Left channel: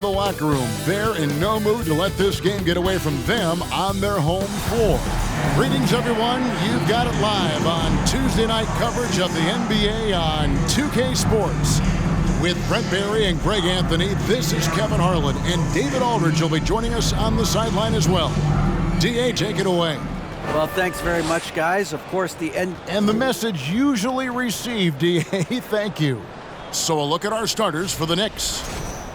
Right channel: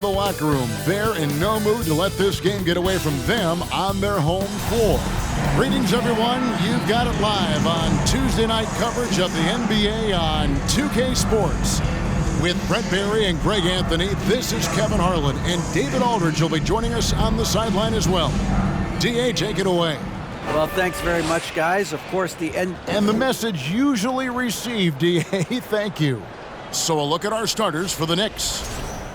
The locker room, they're in no mood to let this game get away from them on their home floor. Greetings, everyone. You've got it live on Tuesday night coverage of the NBA on 2K Sports. With Brent Barry and Greg Anthony, this is Kevin Harlan, and David Aldridge will be joining us on the sideline as well. DA, take it away. Well, thanks very much, guys. Of course, the end. And the message usually received, DA, thank you. So a look at our starters for the Knicks.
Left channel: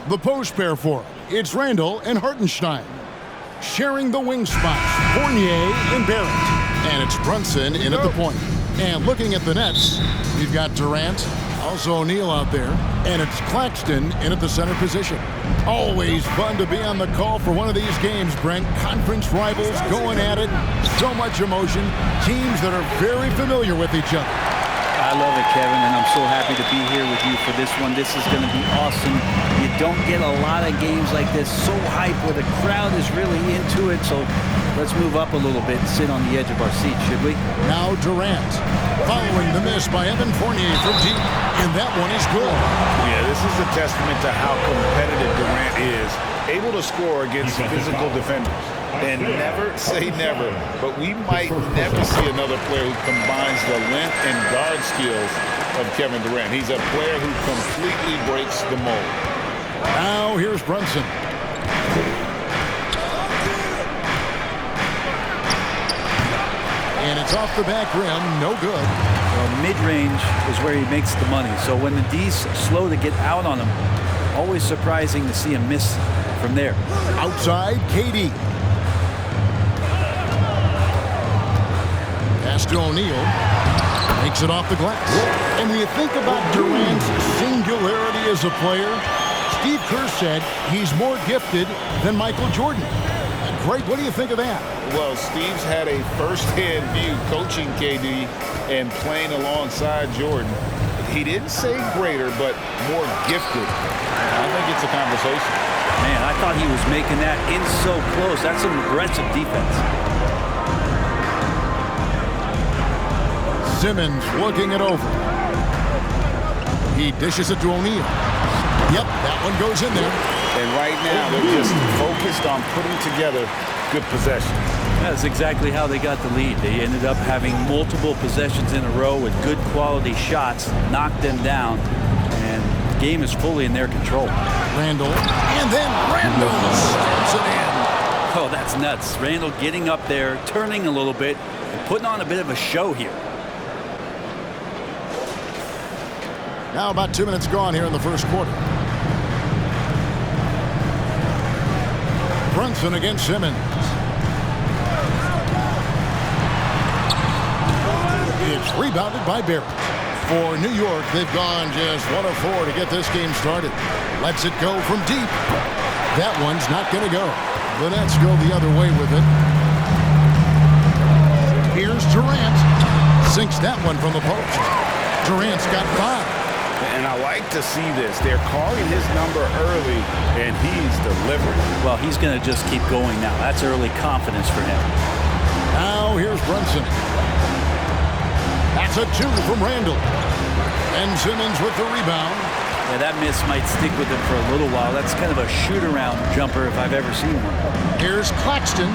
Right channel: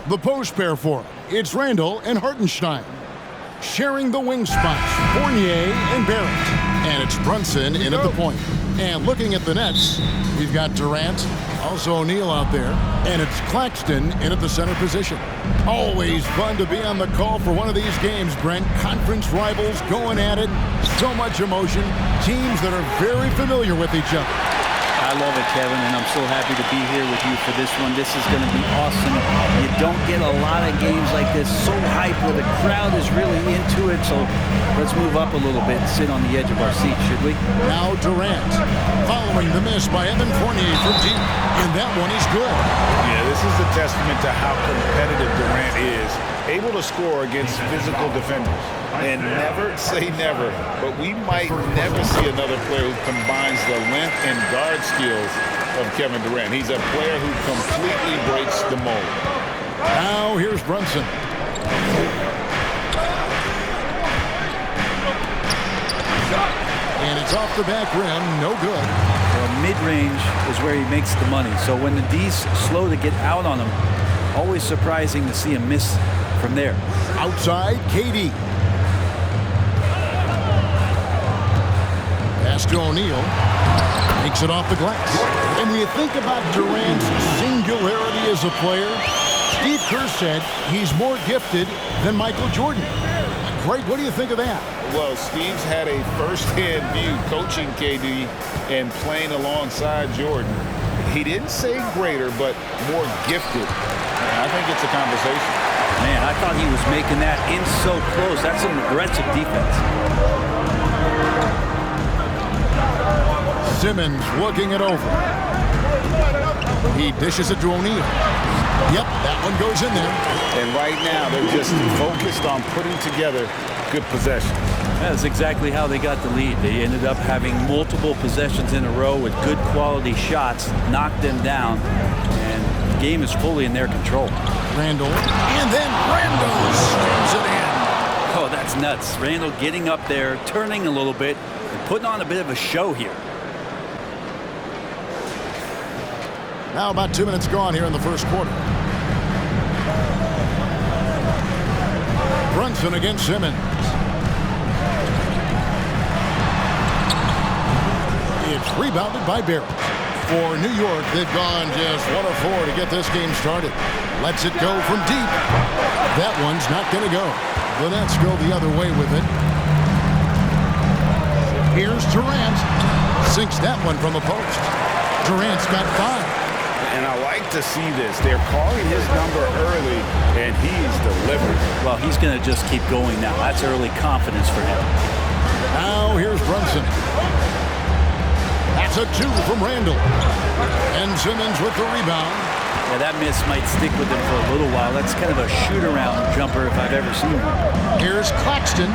The post pair for them, it's Randall and Hartenstein. Sharing the wing spots, Fournier and Barrett. And it's Brunson in at the point. And looking at the Nets, we've got Durant, also O'Neal out there, and it's Claxton in at the center position. Always fun to be on the call for one of these games, Brent. Conference rivals going at it, so much emotion, teams that are very familiar with each other. I love it, Kevin, and I'm so happy to be here with you for this one. This is going to be awesome. You don't get a lot of games like this, so hype, where the crowd is really into it. So let's move up a little bit and sit on the edge of our seat, should we? Now Durant, following the miss by Evan Fournier from deep, and that one is good. Yeah, this is a testament to how competitive Durant is, able to score against physical defenders. And never say never, but we might never see another player who combines the length and guard skills of Kevin Durant. He's a player who completely breaks the mold. Now here's Brunson. And it's off the back rim, no good. Well, mid-range is where he makes the money. So when the D's slow to get out on him, always surprising to see him miss from there. Outside, KD. Pass to O'Neal. Makes it off the glass. And when you think about Durant's singularity as a player, Steve Kerr said he's more gifted than Michael Jordan. Greg, what do you think of that? Well, Steve's had a first-hand view coaching KD and playing alongside Jordan. He didn't say greater, but more gifted. And I think it's a conversation. Man, I thought he was making that in so close. That's some aggressive defense. Simmons looking it over. He dishes it to O'Neal. Yep, that one goes in there. And right now, they're just focused on putting together good possessions. That's exactly how they got the lead. They ended up having multiple possessions in a row with good quality shots, knocked them down, and the game is fully in their control. Randall, and then Randall slams it in. Oh, that's nuts. Randall getting up there, turning a little bit, and putting on a bit of a show here. Now about 2 minutes gone here in the first quarter. Brunson against Simmons. It's rebounded by Barrett. For New York, they've gone just 1 of 4 to get this game started. Lets it go from deep. That one's not going to go. The Nets go the other way with it. Here's Durant. Sinks that one from the post. Durant's got 5. And I like to see this. They're calling his number early, and he's delivering. Well, he's going to just keep going now. That's early confidence for him. Now here's Brunson. That's a 2 from Randall. And Simmons with the rebound. Yeah, that miss might stick with him for a little while. That's kind of a shoot-around jumper if I've ever seen one. Here's Claxton.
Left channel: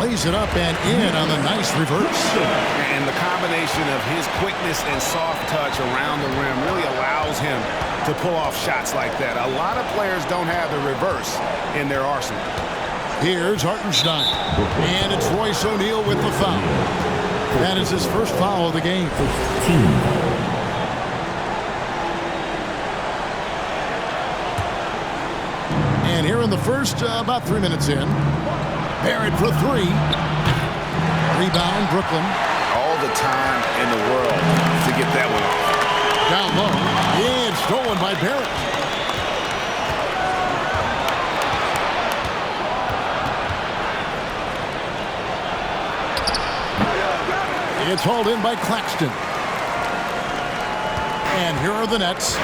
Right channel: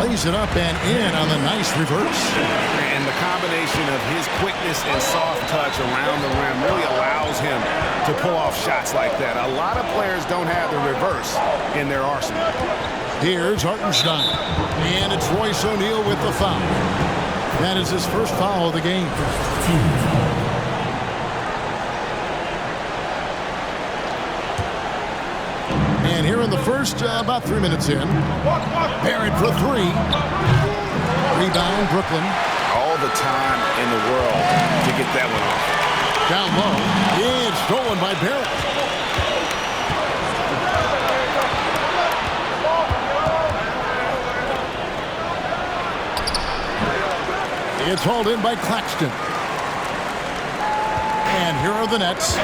Lays it up and in on the nice reverse. And the combination of his quickness and soft touch around the rim really allows him to pull off shots like that. A lot of players don't have the reverse in their arsenal. Here's Hartenstein. And it's Royce O'Neal with the foul. That is his first foul of the game. And here in the first, about 3 minutes in, Barrett for 3. Rebound, Brooklyn. All the time in the world to get that one off. Down low. And stolen by Barrett. It's hauled in by Claxton. And here are the Nets.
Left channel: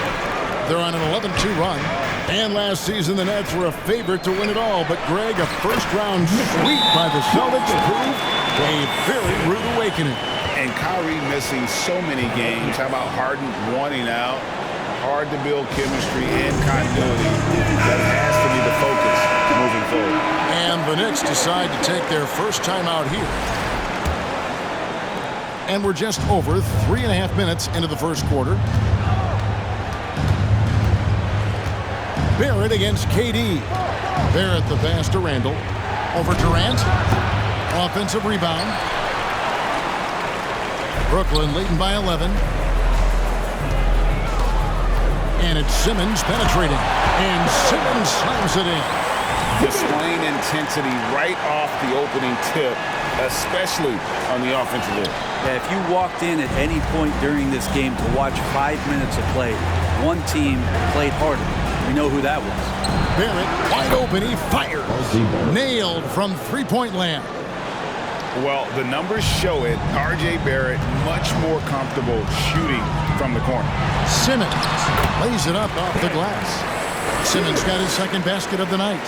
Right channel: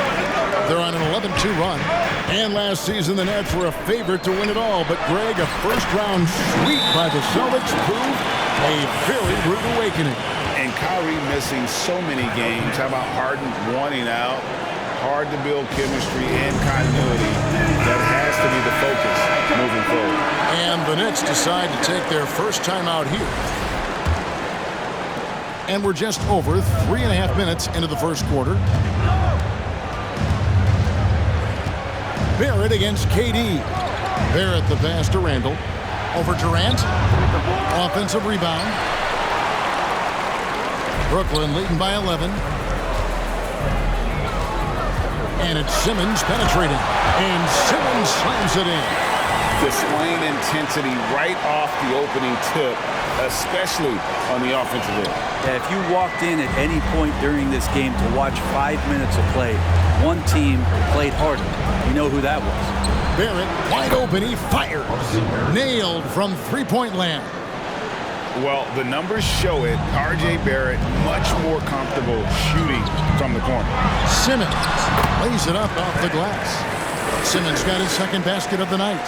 They're on an 11-2 run. And last season, the Nets were a favorite to win it all. But, Greg, a first-round sweep by the Celtics proved a very rude awakening. And Kyrie missing so many games. How about Harden wanting out? hard to build chemistry and continuity. That has to be the focus moving forward. And the Knicks decide to take their first time out here. And we're just over 3.5 minutes into the first quarter. Barrett against KD. Barrett the pass to Randall. Over Durant. Offensive rebound. Brooklyn leading by 11. And it's Simmons penetrating. And Simmons slams it in. Displaying intensity right off the opening tip, especially on the offensive end. Yeah, if you walked in at any point during this game to watch 5 minutes of play, one team played harder. We know who that was. Barrett wide open. He fires. Nailed from three-point land. Well, the numbers show it. R.J. Barrett much more comfortable shooting from the corner. Simmons lays it up off the glass. Simmons got his second basket of the night.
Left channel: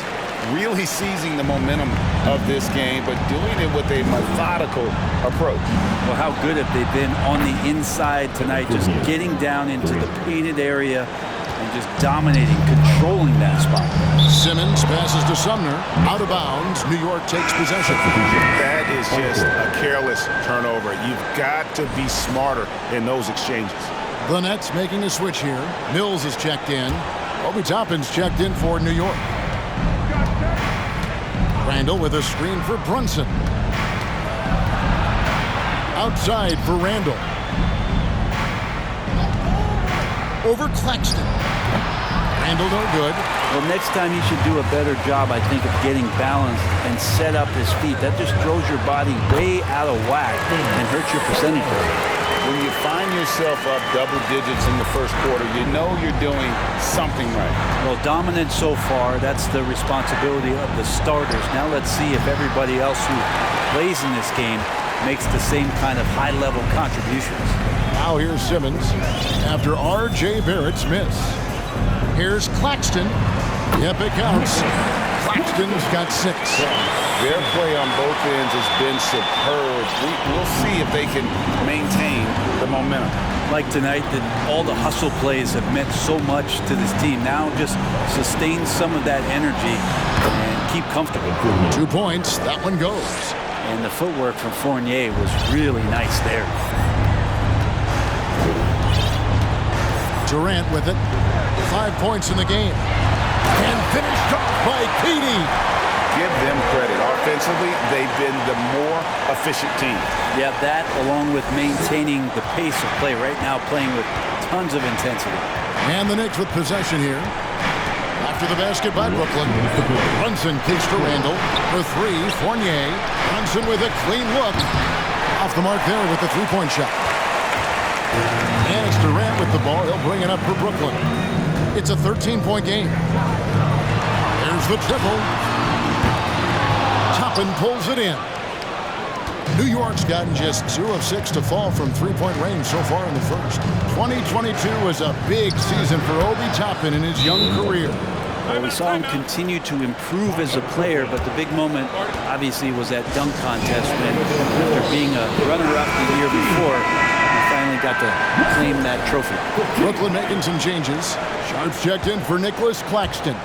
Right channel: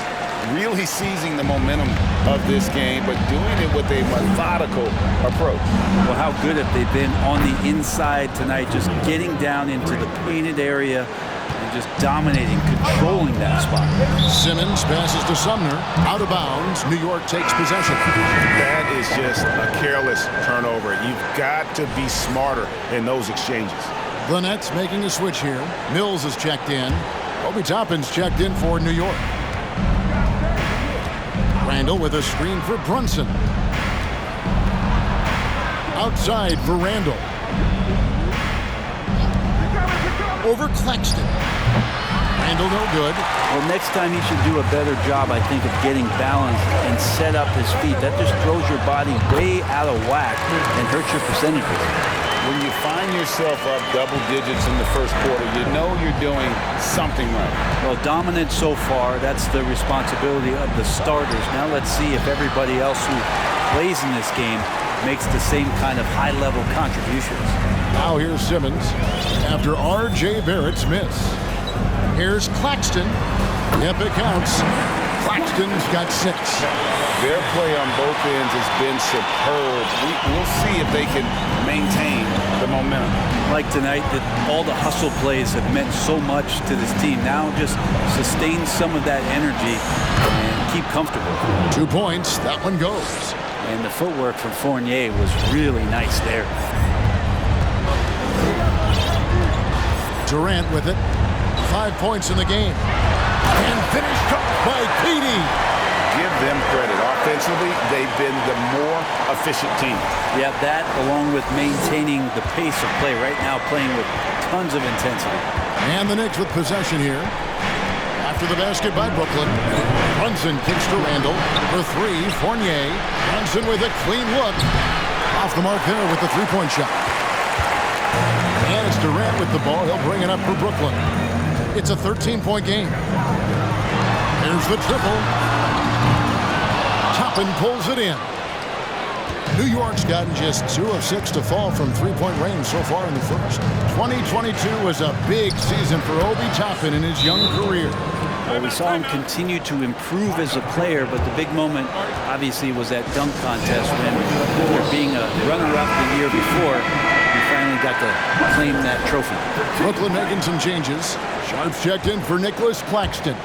Really seizing the momentum of this game, but doing it with a methodical approach. Well, how good have they been on the inside tonight, just getting down into the painted area and just dominating, controlling that spot. Simmons passes to Sumner. Out of bounds. New York takes possession. That is just a careless turnover. You've got to be smarter in those exchanges. The Nets making a switch here. Mills is checked in. Obi Toppin's checked in for New York. Randall with a screen for Brunson. Outside for Randall. Over Claxton. Randall no good. Well, next time he should do a better job, I think, of getting balanced and set up his feet. That just throws your body way out of whack and hurts your percentages. When you find yourself up double digits in the first quarter, you know you're doing something right. Well, dominant so far. That's the responsibility of the starters. Now let's see if everybody else who plays in this game makes the same kind of high-level contributions. Now here's Simmons after R.J. Barrett's miss. Here's Claxton. Yep, it counts. Claxton's got 6. Their play on both ends has been superb. We'll see if they can maintain the momentum. Like tonight, that all the hustle plays have meant so much to this team. Now just sustain some of that energy and keep comfortable. 2 points. That one goes. And the footwork from Fournier was really nice there. Durant with it. 5 points in the game. And finished off by KD. Give them credit. Offensively, they've been the more efficient team. Yeah, that along with maintaining the pace of play right now, playing with tons of intensity. And the Knicks with possession here. After the basket by Brooklyn. Brunson kicks to Randall. For 3, Fournier. Brunson with a clean look. Off the mark there with the three-point shot. And it's Durant with the ball. He'll bring it up for Brooklyn. It's a 13-point game. There's the triple. Toppin pulls it in. New York's gotten just 2 of 6 to fall from three-point range so far in the first. 2022 was a big season for Obi Toppin in his young career. Well, we saw him continue to improve as a player, but the big moment obviously was that dunk contest when, after being a runner-up the year before, he finally got to claim that trophy. Brooklyn making some changes. Sharps checked in for Nicholas Claxton.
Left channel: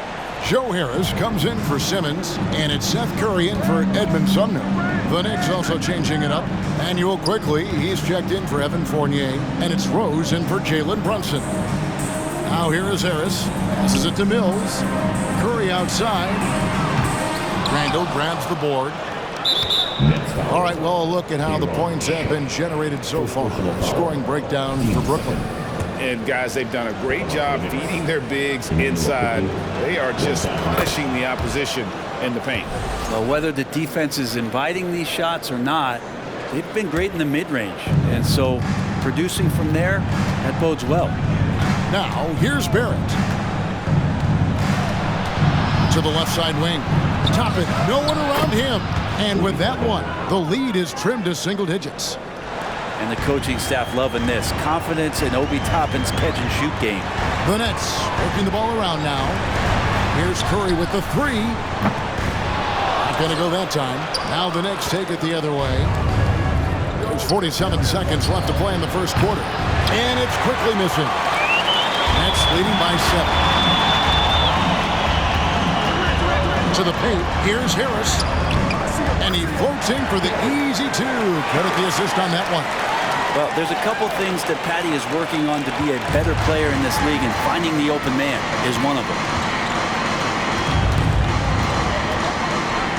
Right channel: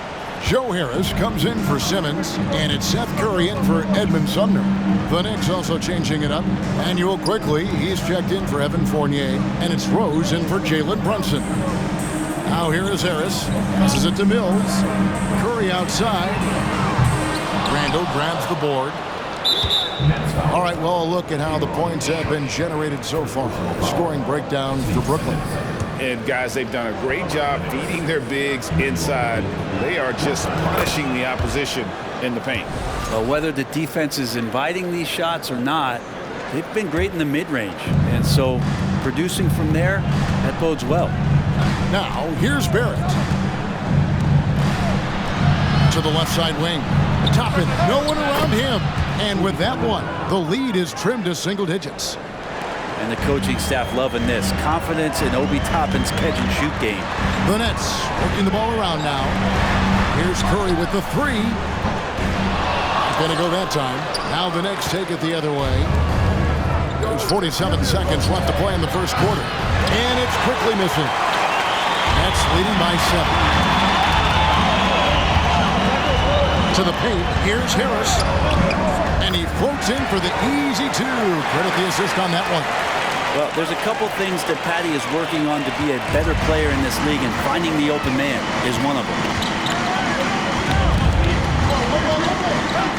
Joe Harris comes in for Simmons, and it's Seth Curry in for Edmund Sumner. The Knicks also changing it up. Manuel quickly, he's checked in for Evan Fournier, and it's Rose in for Jalen Brunson. Now here is Harris, passes it to Mills. Curry outside. Randall grabs the board. All right, well, a look at how the points have been generated so far. Scoring breakdown for Brooklyn. And, guys, they've done a great job feeding their bigs inside. They are just punishing the opposition in the paint. Well, whether the defense is inviting these shots or not, they've been great in the mid-range. And so producing from there, that bodes well. Now, here's Barrett. To the left side wing. Toppin, no one around him. And with that one, the lead is trimmed to single digits. And the coaching staff loving this. Confidence in Obi Toppin's catch-and-shoot game. The Nets working the ball around now. Here's Curry with the 3. Not going to go that time. Now the Knicks take it the other way. There's 47 seconds left to play in the first quarter. And it's quickly missing. Nets leading by 7. To the paint, here's Harris. And he floats in for the easy 2. Credit the assist on that one. Well, there's a couple things that Patty is working on to be a better player in this league, and finding the open man is one of them.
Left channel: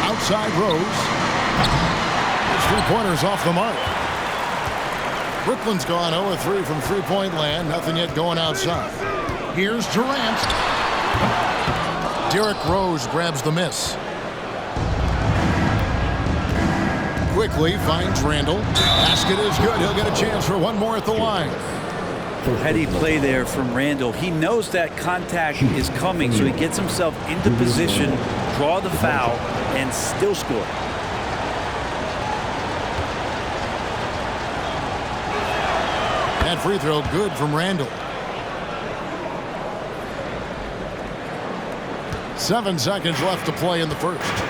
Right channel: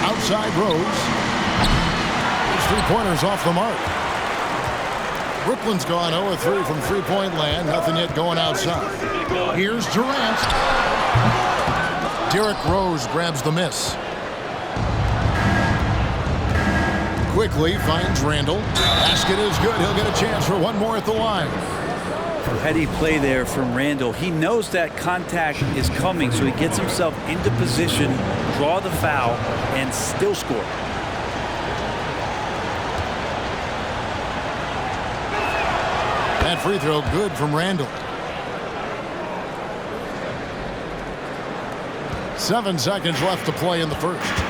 Outside Rose. His three-pointers off the mark. Brooklyn's gone 0-3 from three-point land. Nothing yet going outside. Here's Durant. Derrick Rose grabs the miss. Quickly finds Randall. Basket is good. He'll get a chance for one more at the line. Heady play there from Randall. He knows that contact is coming, so he gets himself into position, draw the foul, and still score. That free throw good from Randall. 7 seconds left to play in the first.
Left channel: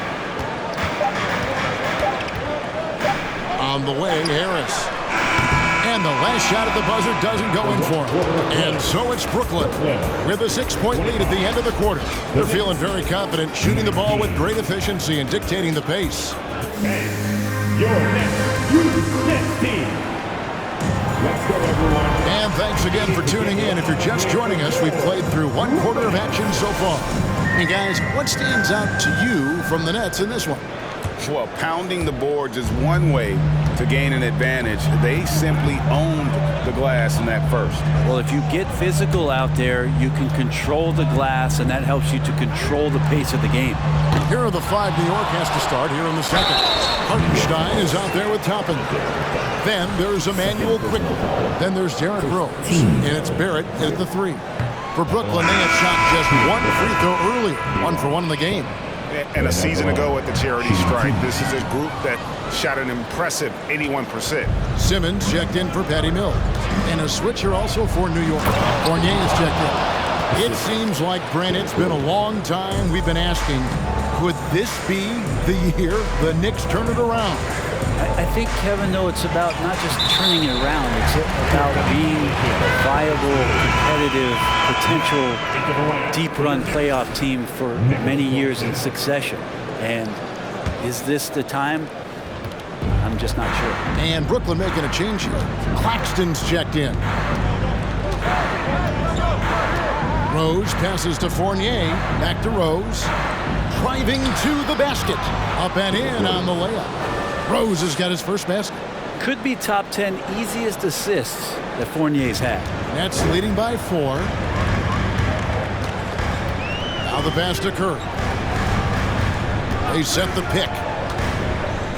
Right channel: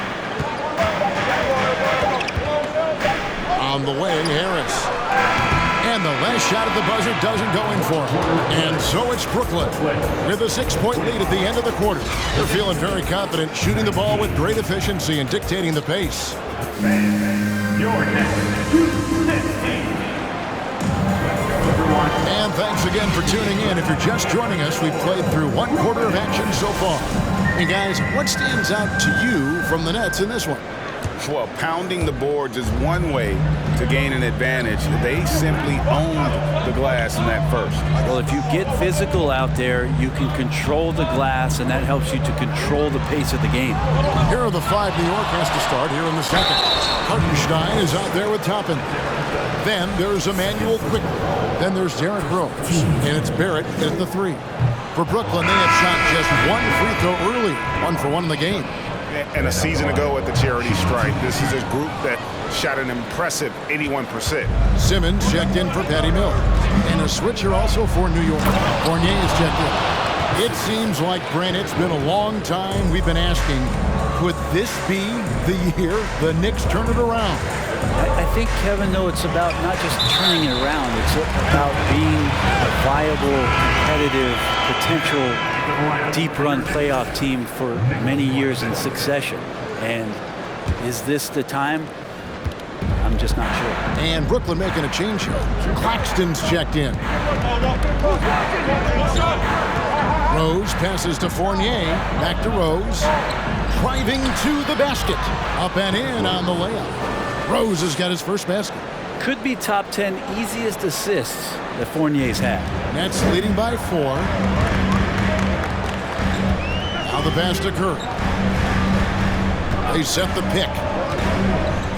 On the way, Harris. And the last shot at the buzzer doesn't go in for him. And so it's Brooklyn with a 6-point lead at the end of the quarter. They're feeling very confident, shooting the ball with great efficiency and dictating the pace. Your next Youth team. Let's go, everyone. And thanks again for tuning in. If you're just joining us, we've played through 1 quarter of action so far. And guys, what stands out to you from the Nets in this one? Well, pounding the boards is one way to gain an advantage. They simply owned the glass in that first. Well, if you get physical out there, you can control the glass, and that helps you to control the pace of the game. Here are the 5 New York has to start here in the second. Hartenstein is out there with Toppin. Then there's Emmanuel Quickly. Then there's Derrick Rose. And it's Barrett at the 3. For Brooklyn, they had shot just 1 free throw earlier. 1 for 1 in the game. And a season ago at the charity strike, this is a group that shot an impressive 81%. Simmons checked in for Patty Mills. And a switcher also for New York. Fournier is checked in. It seems like, Brent, it's been a long time we've been asking, could this be the year the Knicks turn it around? I think, Kevin, though, it's about not just turning it around. It's about being a viable, competitive, potential deep-run playoff team for many years in succession. And is this the time? I'm just not sure. And Brooklyn making a change here. Claxton's checked in. Rose passes to Fournier. Back to Rose. Driving to the basket. Up and in on the layup. Rose has got his first basket. Could be top 10 easiest assists that Fournier's had. Nets leading by 4. Now the pass to Curry. They set the pick.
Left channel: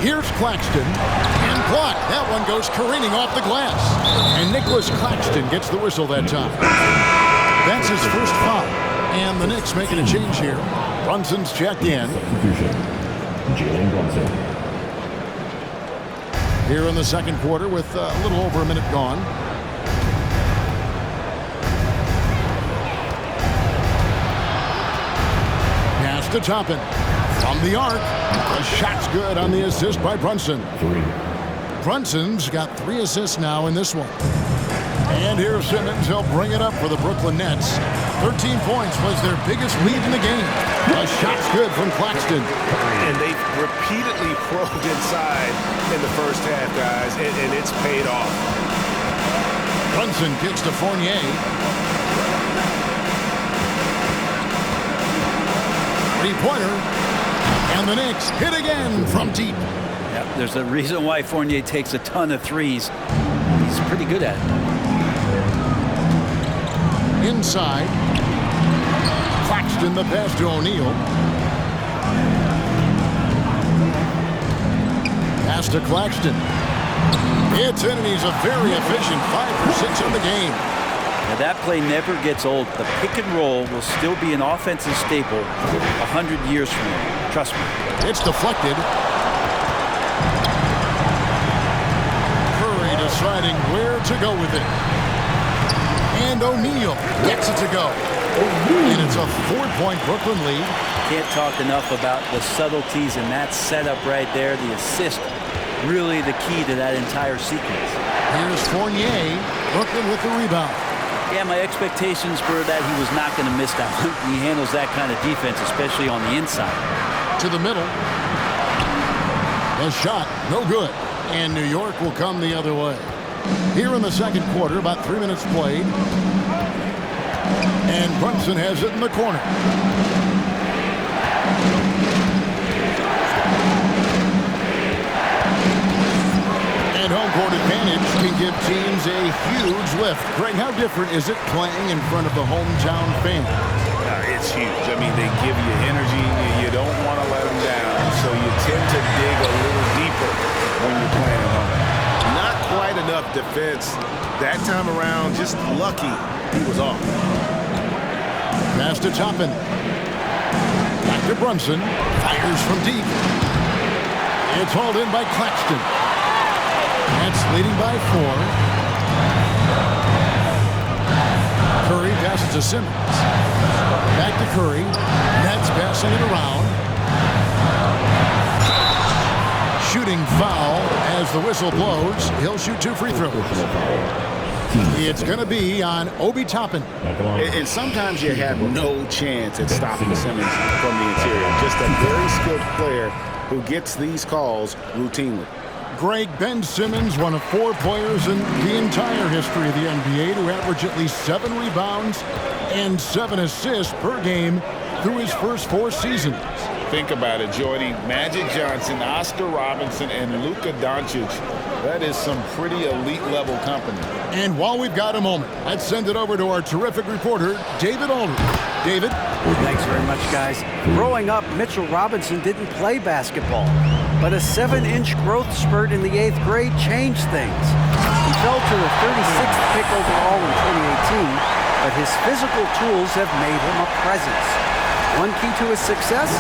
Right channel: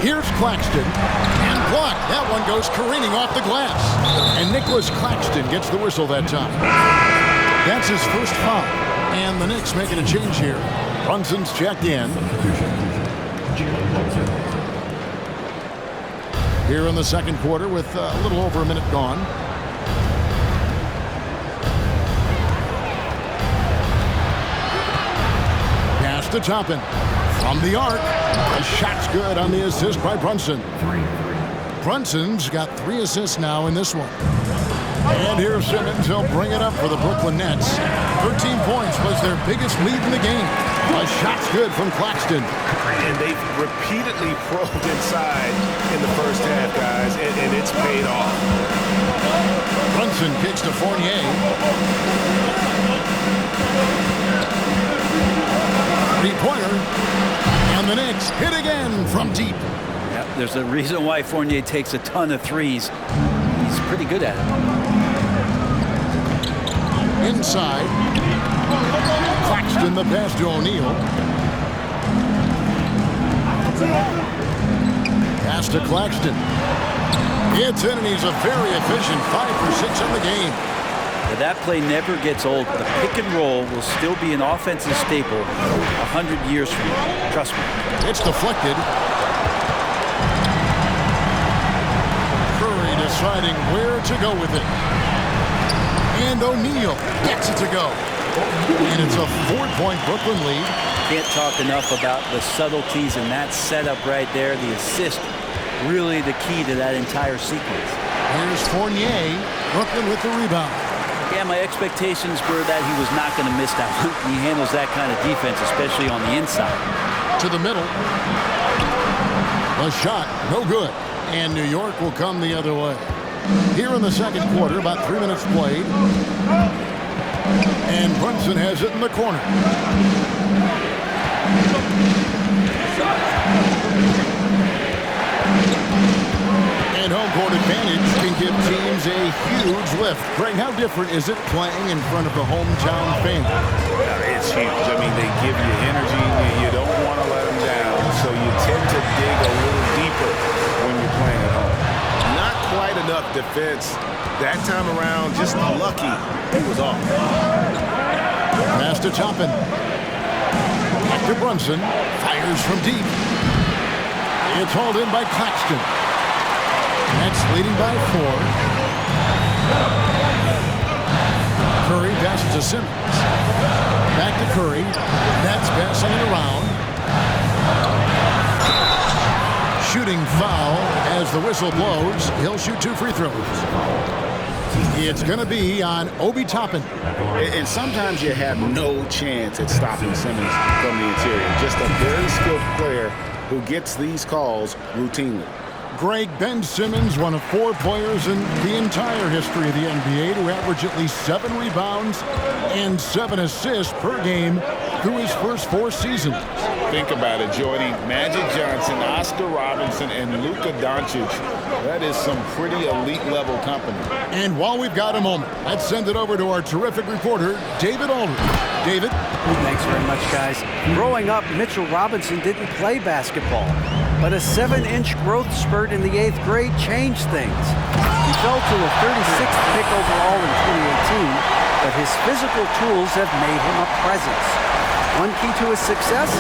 Here's Claxton. And blocked. That one goes careening off the glass. And Nicholas Claxton gets the whistle that time. That's his first foul. And the Knicks making a change here. Brunson's checked in. Jalen Brunson. Here in the second quarter with a little over a minute gone. Pass to Toppin. From the arc. The shot's good on the assist by Brunson. 3. Brunson's got 3 assists now in this one. And here's Simmons. He'll bring it up for the Brooklyn Nets. 13 points was their biggest lead in the game. The shot's good from Claxton. And they've repeatedly probed inside in the first half, guys, and it's paid off. Brunson kicks to Fournier. Three-pointer. And the Knicks hit again from deep. Yep, there's a reason why Fournier takes a ton of threes. He's pretty good at it. Inside. Claxton the pass to O'Neal. Pass to Claxton. It's in, and he's a very efficient 5 for 6 on the game. Now, that play never gets old. The pick and roll will still be an offensive staple 100 years from now. Trust me. It's deflected. Curry deciding where to go with it. And O'Neal gets it to go. And it's a 4-point Brooklyn lead. Can't talk enough about the subtleties in that setup right there. The assist, really the key to that entire sequence. Here's Fournier. Brooklyn with the rebound. Yeah, my expectations were that he was not going to miss that one. He handles that kind of defense, especially on the inside. To the middle. The shot, no good. And New York will come the other way. Here in the second quarter, about 3 minutes played. And Brunson has it in the corner. And home court advantage can give teams a huge lift. Greg, how different is it playing in front of the hometown fans? It's huge. I mean, they give you energy. You don't want to let them down, so you tend to dig a little deeper when you're playing at home. Not quite enough defense that time around. Just lucky he was off. Pass to Toppin. Back to Brunson. Fires from deep. It's hauled in by Claxton. Nets leading by 4. Curry passes to Simmons. Back to Curry. Nets passing it around. Shooting foul as the whistle blows. He'll shoot 2 free throws. It's going to be on Obi Toppin. And sometimes you have no chance at stopping Simmons from the interior. Just a very skilled player who gets these calls routinely. Greg, Ben Simmons, one of 4 players in the entire history of the NBA to average at least 7 rebounds and 7 assists per game through his first 4 seasons. Think about it, joining Magic Johnson, Oscar Robinson, and Luka Doncic. That is some pretty elite-level company. And while we've got a moment, let's send it over to our terrific reporter, David Aldridge. David? Thanks very much, guys. Growing up, Mitchell Robinson didn't play basketball, but a 7-inch growth spurt in the 8th grade changed things. He fell to the 36th pick overall in 2018, but his physical tools have made him a presence. One key to his success,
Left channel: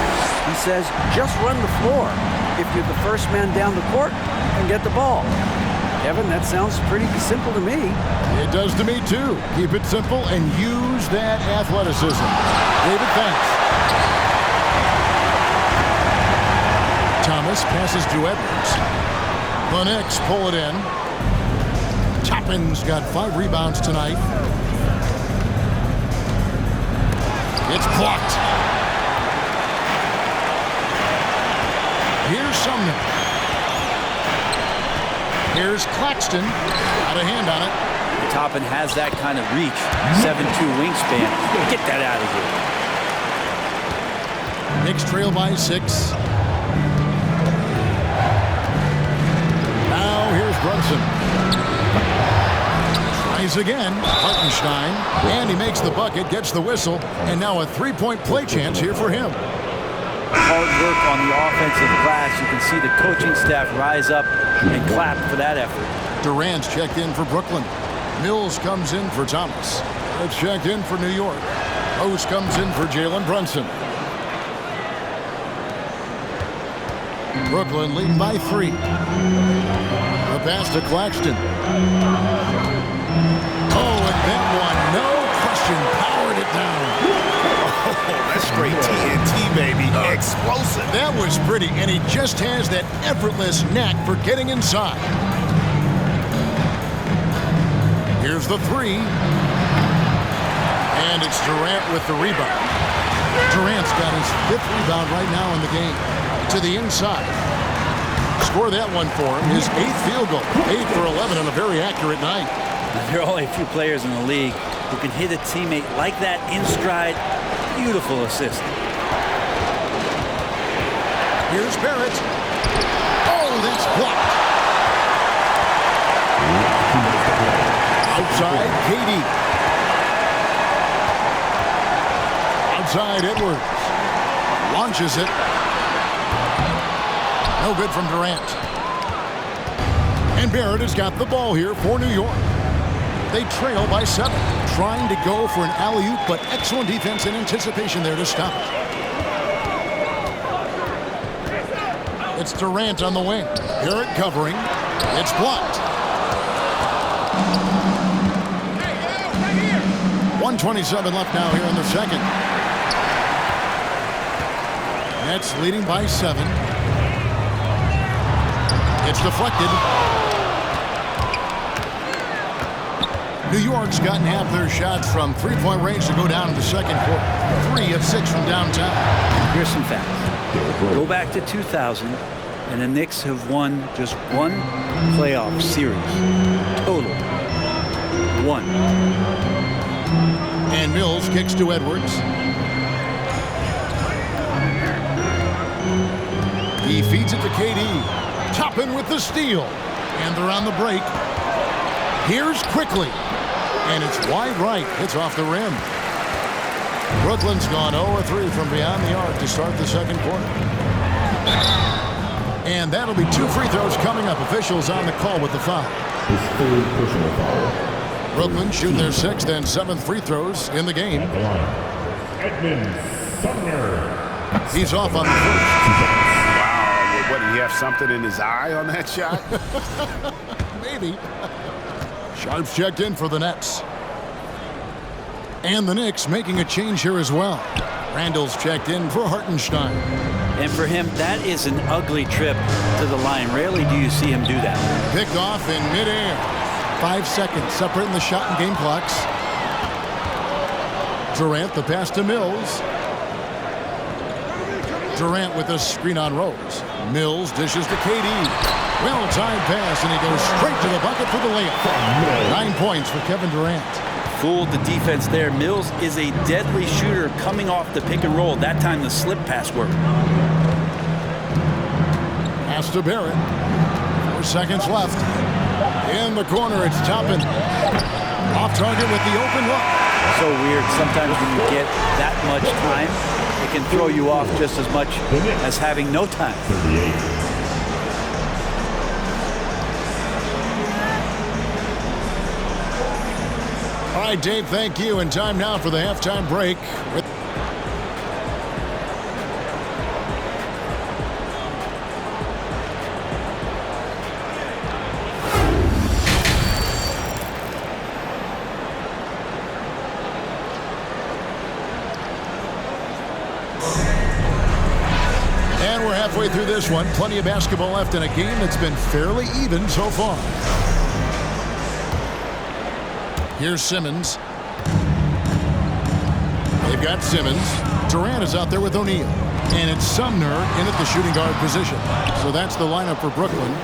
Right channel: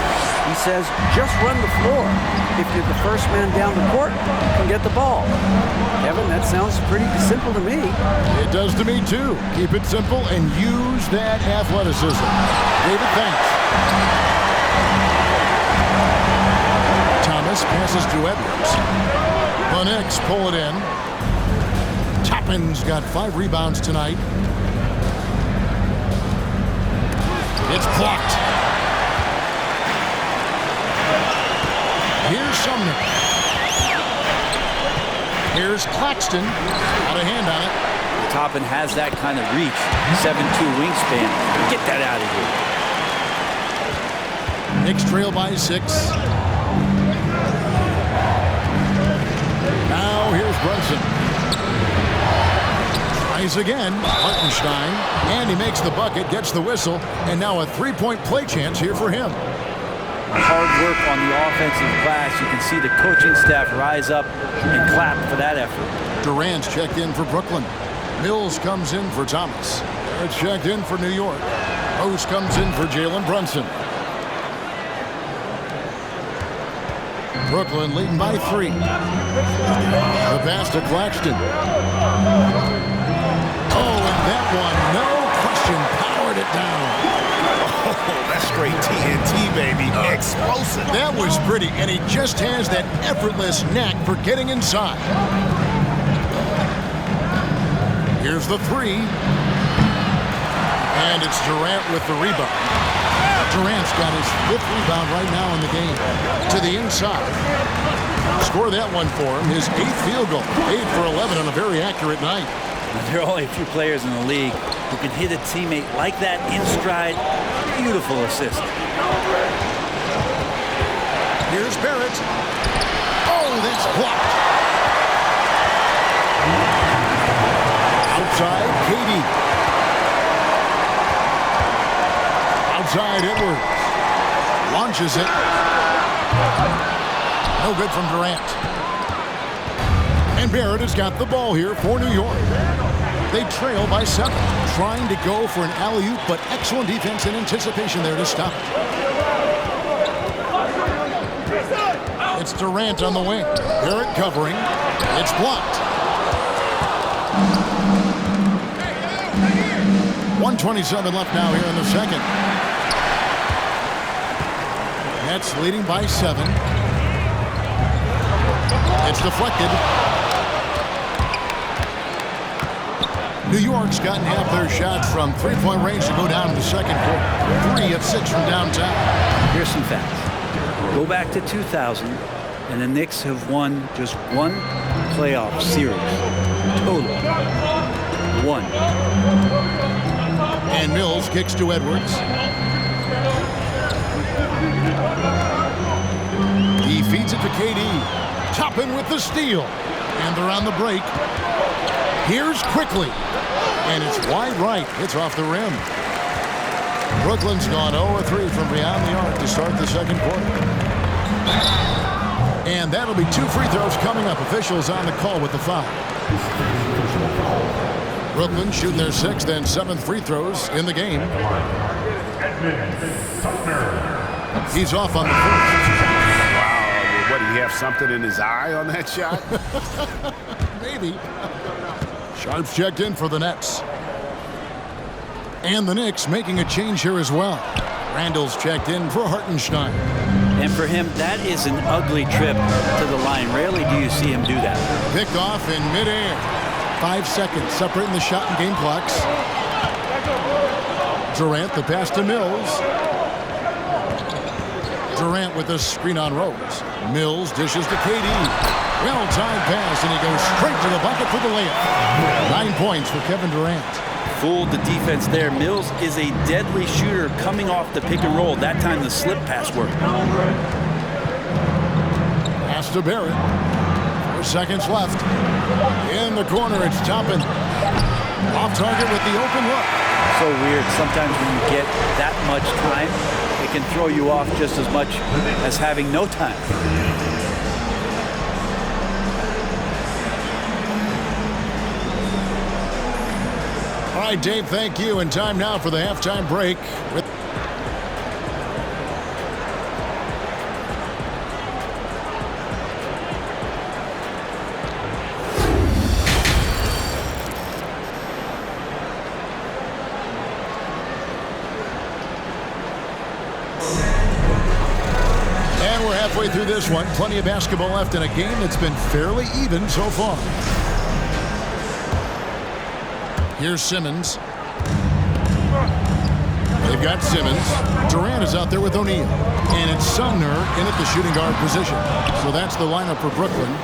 he says, just run the floor. If you're the first man down the court, you can get the ball. Kevin, that sounds pretty simple to me. It does to me, too. Keep it simple and use that athleticism. David, thanks. Thomas passes to Edwards. The Knicks pull it in. Toppin's got 5 rebounds tonight. It's blocked. Here's Sumner. Here's Claxton. Out of hand on it. Toppin has that kind of reach. 7'2" wingspan. Get that out of here. Knicks trail by 6. Now here's Brunson. Tries again. Hartenstein. And he makes the bucket, gets the whistle, and now a 3-point play chance here for him. Hard work on the offensive glass. You can see the coaching staff rise up and clap for that effort. Durant's checked in for Brooklyn. Mills comes in for Thomas. Barrett's checked in for New York. Rose comes in for Jalen Brunson. Brooklyn leading by 3. The pass to Claxton. Oh, and that one, no question, powered it down. Oh, that's straight TNT, baby. Explosive. That was pretty, and he just has that effortless knack for getting inside. Here's the 3. And it's Durant with the rebound. Durant's got his 5th rebound right now in the game. To the inside. Score that one for him. His 8th field goal. 8 for 11 on a very accurate night. There are only a few players in the league who can hit a teammate like that in stride. Beautiful assist. Here's Barrett. Oh, that's blocked. Outside, KD. Outside, Edwards. Launches it. No good from Durant. And Barrett has got the ball here for New York. They trail by 7, trying to go for an alley-oop, but excellent defense and anticipation there to stop it. It's Durant on the wing. Barrett covering. It's blocked. 1:27 left now here in the second. Nets leading by 7. It's deflected. New York's gotten half their shots from three-point range to go down in the second quarter. 3 of 6 from downtown. Here's some facts. Go back to 2000, and the Knicks have won just one playoff series. Total. 1. And Mills kicks to Edwards. He feeds it to KD. Toppin with the steal. And they're on the break. Here's Quickly. And it's wide right. It's off the rim. Brooklyn's gone 0-3 from beyond the arc to start the second quarter. And that'll be 2 free throws coming up. Officials on the call with the foul. His third personal foul. Brooklyn shooting their 6th and 7th free throws in the game. At the line, Edmund Sumner. He's off on the first. Wow, what, did he have something in his eye on that shot? Maybe. Sharp's checked in for the Nets. And the Knicks making a change here as well. Randall's checked in for Hartenstein. And for him, that is an ugly trip to the line. Rarely do you see him do that. Picked off in midair. 5 seconds separating the shot and game clocks. Durant the pass to Mills. Durant with a screen on Rose. Mills dishes to KD. Well-timed pass, and he goes straight to the bucket for the layup. 9 points for Kevin Durant. Fooled the defense there. Mills is a deadly shooter coming off the pick and roll. That time the slip pass worked. Pass to Barrett. 4 seconds left. In the corner, it's Toppin. Off target with the open look. So weird. Sometimes when you get that much time, it can throw you off just as much as having no time. 38. All right, Dave, thank you. And time now for the halftime break. And we're halfway through this one. Plenty of basketball left in a game that's been fairly even so far. Here's Simmons. They've got Simmons. Durant is out there with O'Neal. And it's Sumner in at the shooting guard position. So that's the lineup for Brooklyn.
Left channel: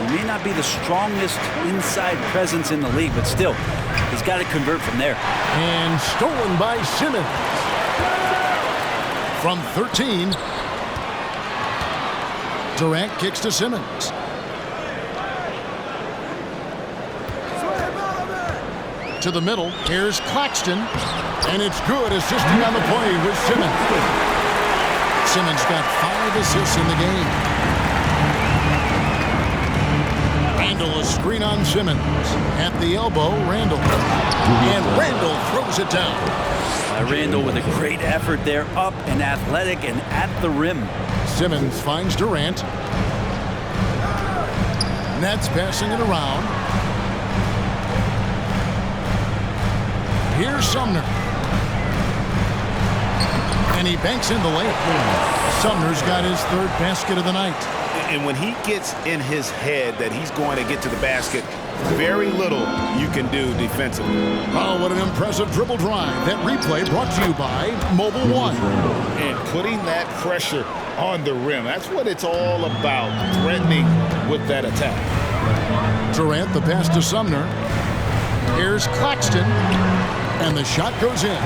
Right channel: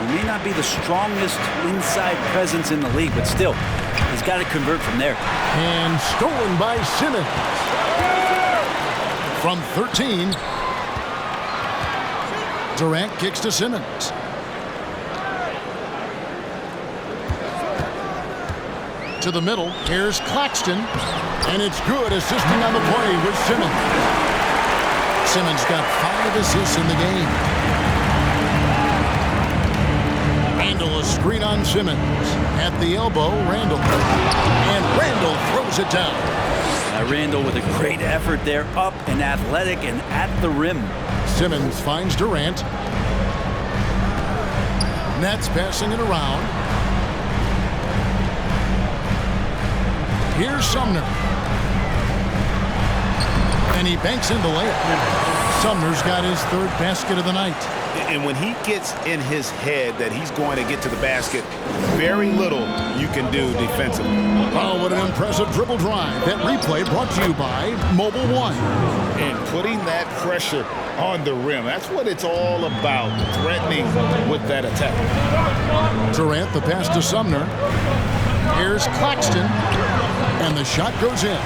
He may not be the strongest inside presence in the league, but still, he's got to convert from there. And stolen by Simmons. From 13. Durant kicks to Simmons. To the middle. Here's Claxton. And it's good, assisting on the play with Simmons. Simmons got 5 assists in the game. Randall a screen on Simmons. At the elbow, Randall. And Randall throws it down. Randall with a great effort there, up and athletic and at the rim. Simmons finds Durant. Nets passing it around. Here's Sumner. And he banks in the layup. Sumner's got his 3rd basket of the night. And when he gets in his head that he's going to get to the basket, very little you can do defensively. Oh, what an impressive dribble drive. That replay brought to you by Mobile One. And putting that pressure on the rim. That's what it's all about, threatening with that attack. Durant, the pass to Sumner. Here's Claxton. And the shot goes in.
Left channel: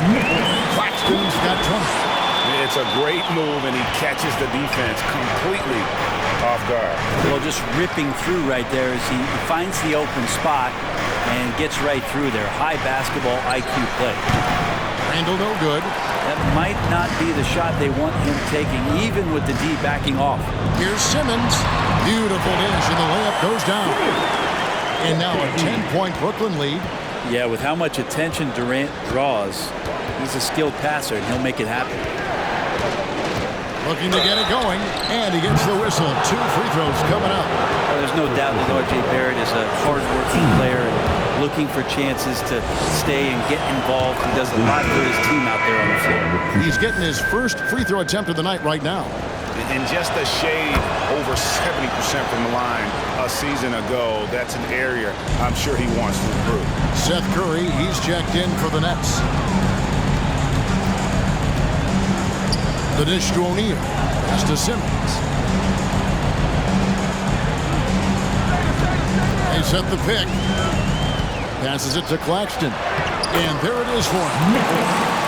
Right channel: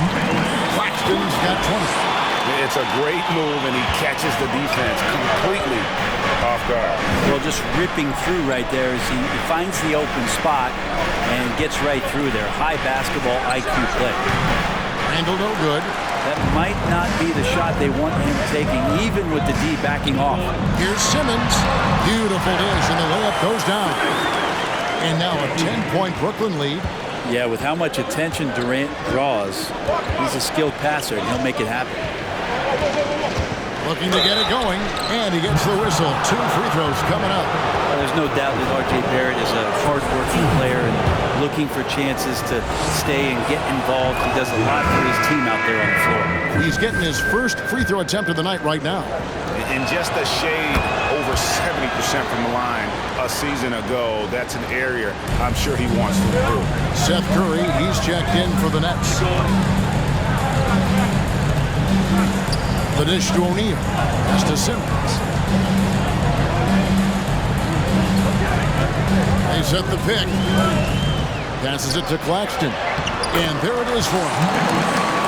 Claxton's got 20. It's a great move, and he catches the defense completely off guard. Well, just ripping through right there as he finds the open spot and gets right through there. High basketball IQ play. Randall no good. That might not be the shot they want him taking, even with the D backing off. Here's Simmons. Beautiful dish, and the layup goes down. And now a 10-point Brooklyn lead. Yeah, with how much attention Durant draws, he's a skilled passer, and he'll make it happen. Looking to get it going, and he gets the whistle. 2 free throws coming up. Well, there's no doubt that R.J. Barrett is a hard-working player and looking for chances to stay and get involved. He does a lot for his team out there on the floor. He's getting his first free throw attempt of the night right now. And just a shade over 70% from the line a season ago. That's an area I'm sure he wants to improve. Seth Curry, he's checked in for the Nets. The dish to O'Neal. Pass to Simmons. They set the pick. Passes it to Claxton. And there it is for him.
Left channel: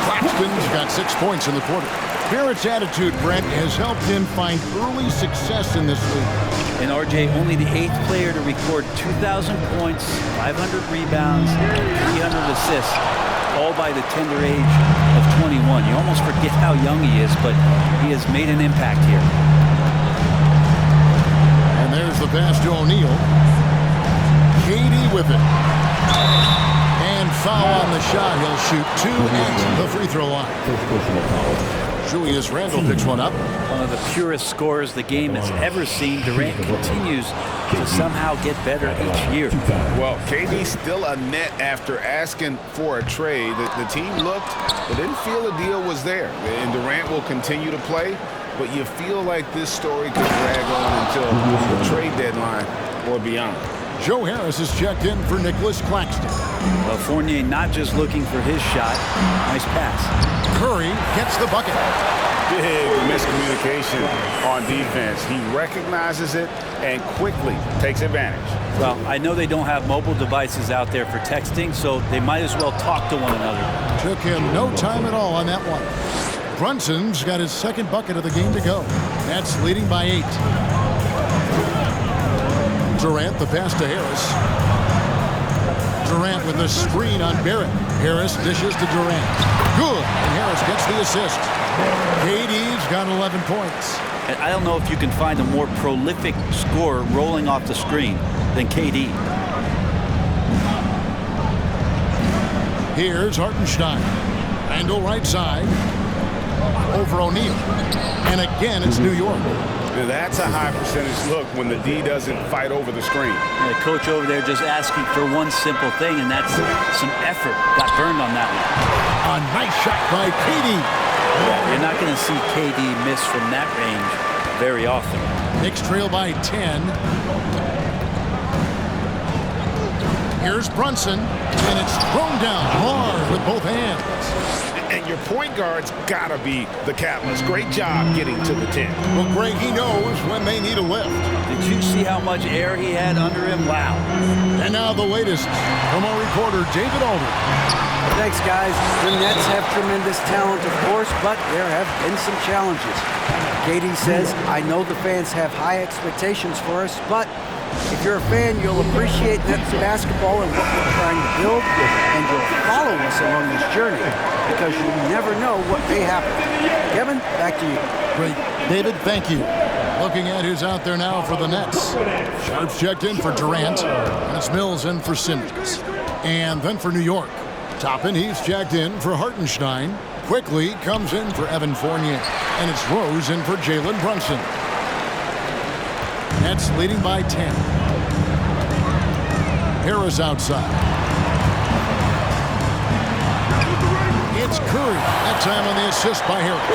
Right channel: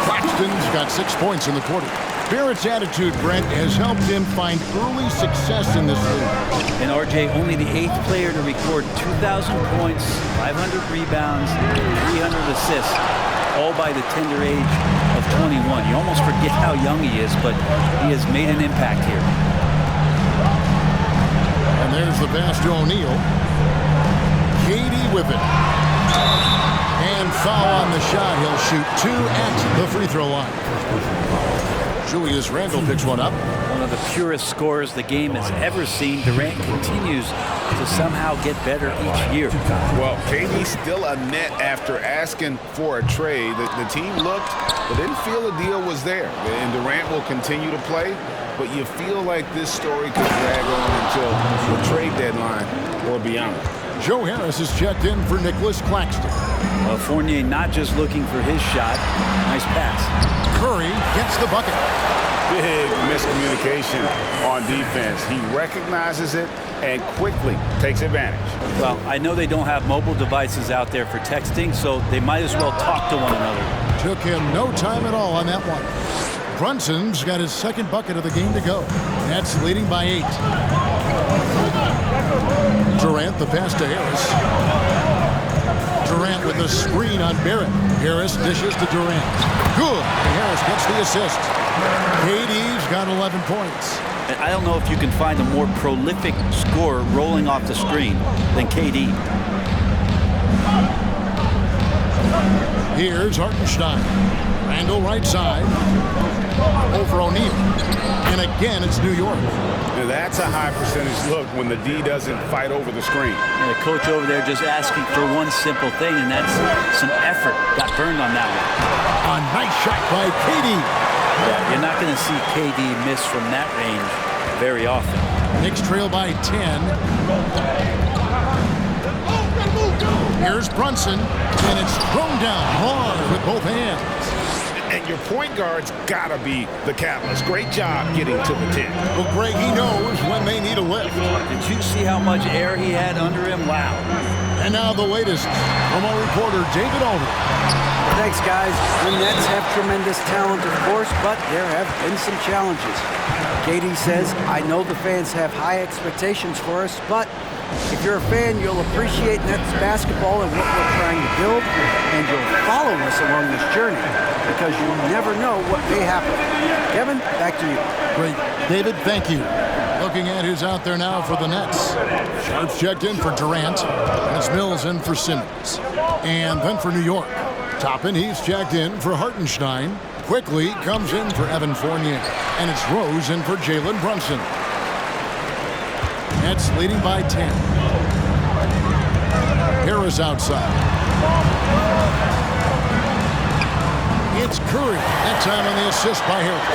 Claxton's got 6 points in the quarter. Barrett's attitude, Brent, has helped him find early success in this league. And RJ, only the 8th player to record 2,000 points, 500 rebounds, 300 assists, all by the tender age of 21. You almost forget how young he is, but he has made an impact here. And there's the pass to O'Neal. KD with it. And foul on the shot. He'll shoot 2 at the free throw line. Julius Randle picks one up. One of the purest scorers the game has ever seen. Durant continues to somehow get better each year. Well, KD still a net after asking for a trade. The team looked but didn't feel a deal was there. And Durant will continue to play, but you feel like this story could drag on until the trade deadline or beyond. Joe Harris is checked in for Nicholas Claxton. Well, Fournier not just looking for his shot. Nice pass. Curry gets the bucket. Big miscommunication on defense. He recognizes it and quickly takes advantage. Well, I know they don't have mobile devices out there for texting, so they might as well talk to one another. Took him no time at all on that one. Brunson's got his 2nd bucket of the game to go. Nets leading by 8. Durant, the pass to Harris. Durant with the screen on Barrett. Harris dishes to Durant. Good, and Harris gets the assist. KD's got 11 points. And I don't know if you can find a more prolific scorer rolling off the screen than KD. Here's Hartenstein. Randle right side. Over O'Neal. And again, it's New York. Now that's a high percentage look when the D doesn't fight over the screen. And the coach over there just asking for one simple thing, and that's some effort. Got burned on that one. A nice shot by KD. Yeah, you're not going to see KD miss from that range very often. Knicks trail by 10. Here's Brunson, and it's thrown down hard with both hands. And your point guard's got to be the catalyst. Great job getting to the 10. Well, Greg, he knows when they need a lift. Did you see how much air he had under him? Wow. And now the latest from our reporter, David Aldridge. Thanks, guys. The Nets have tremendous talent, of course, but there have been some challenges. KD says, I know the fans have high expectations for us, but if you're a fan, you'll appreciate Nets basketball and what we're trying to build, and you'll follow us along this journey because you never know what may happen. Kevin, back to you. Great. David, thank you. Looking at who's out there now for the Nets. Sharp's checked in for Durant, and it's Mills in for Simmons. And then for New York, Toppin, he's checked in for Hartenstein. Quickly comes in for Evan Fournier, and it's Rose in for Jalen Brunson. Nets leading by 10. Harris outside. It's Curry. That time on the assist by Harris.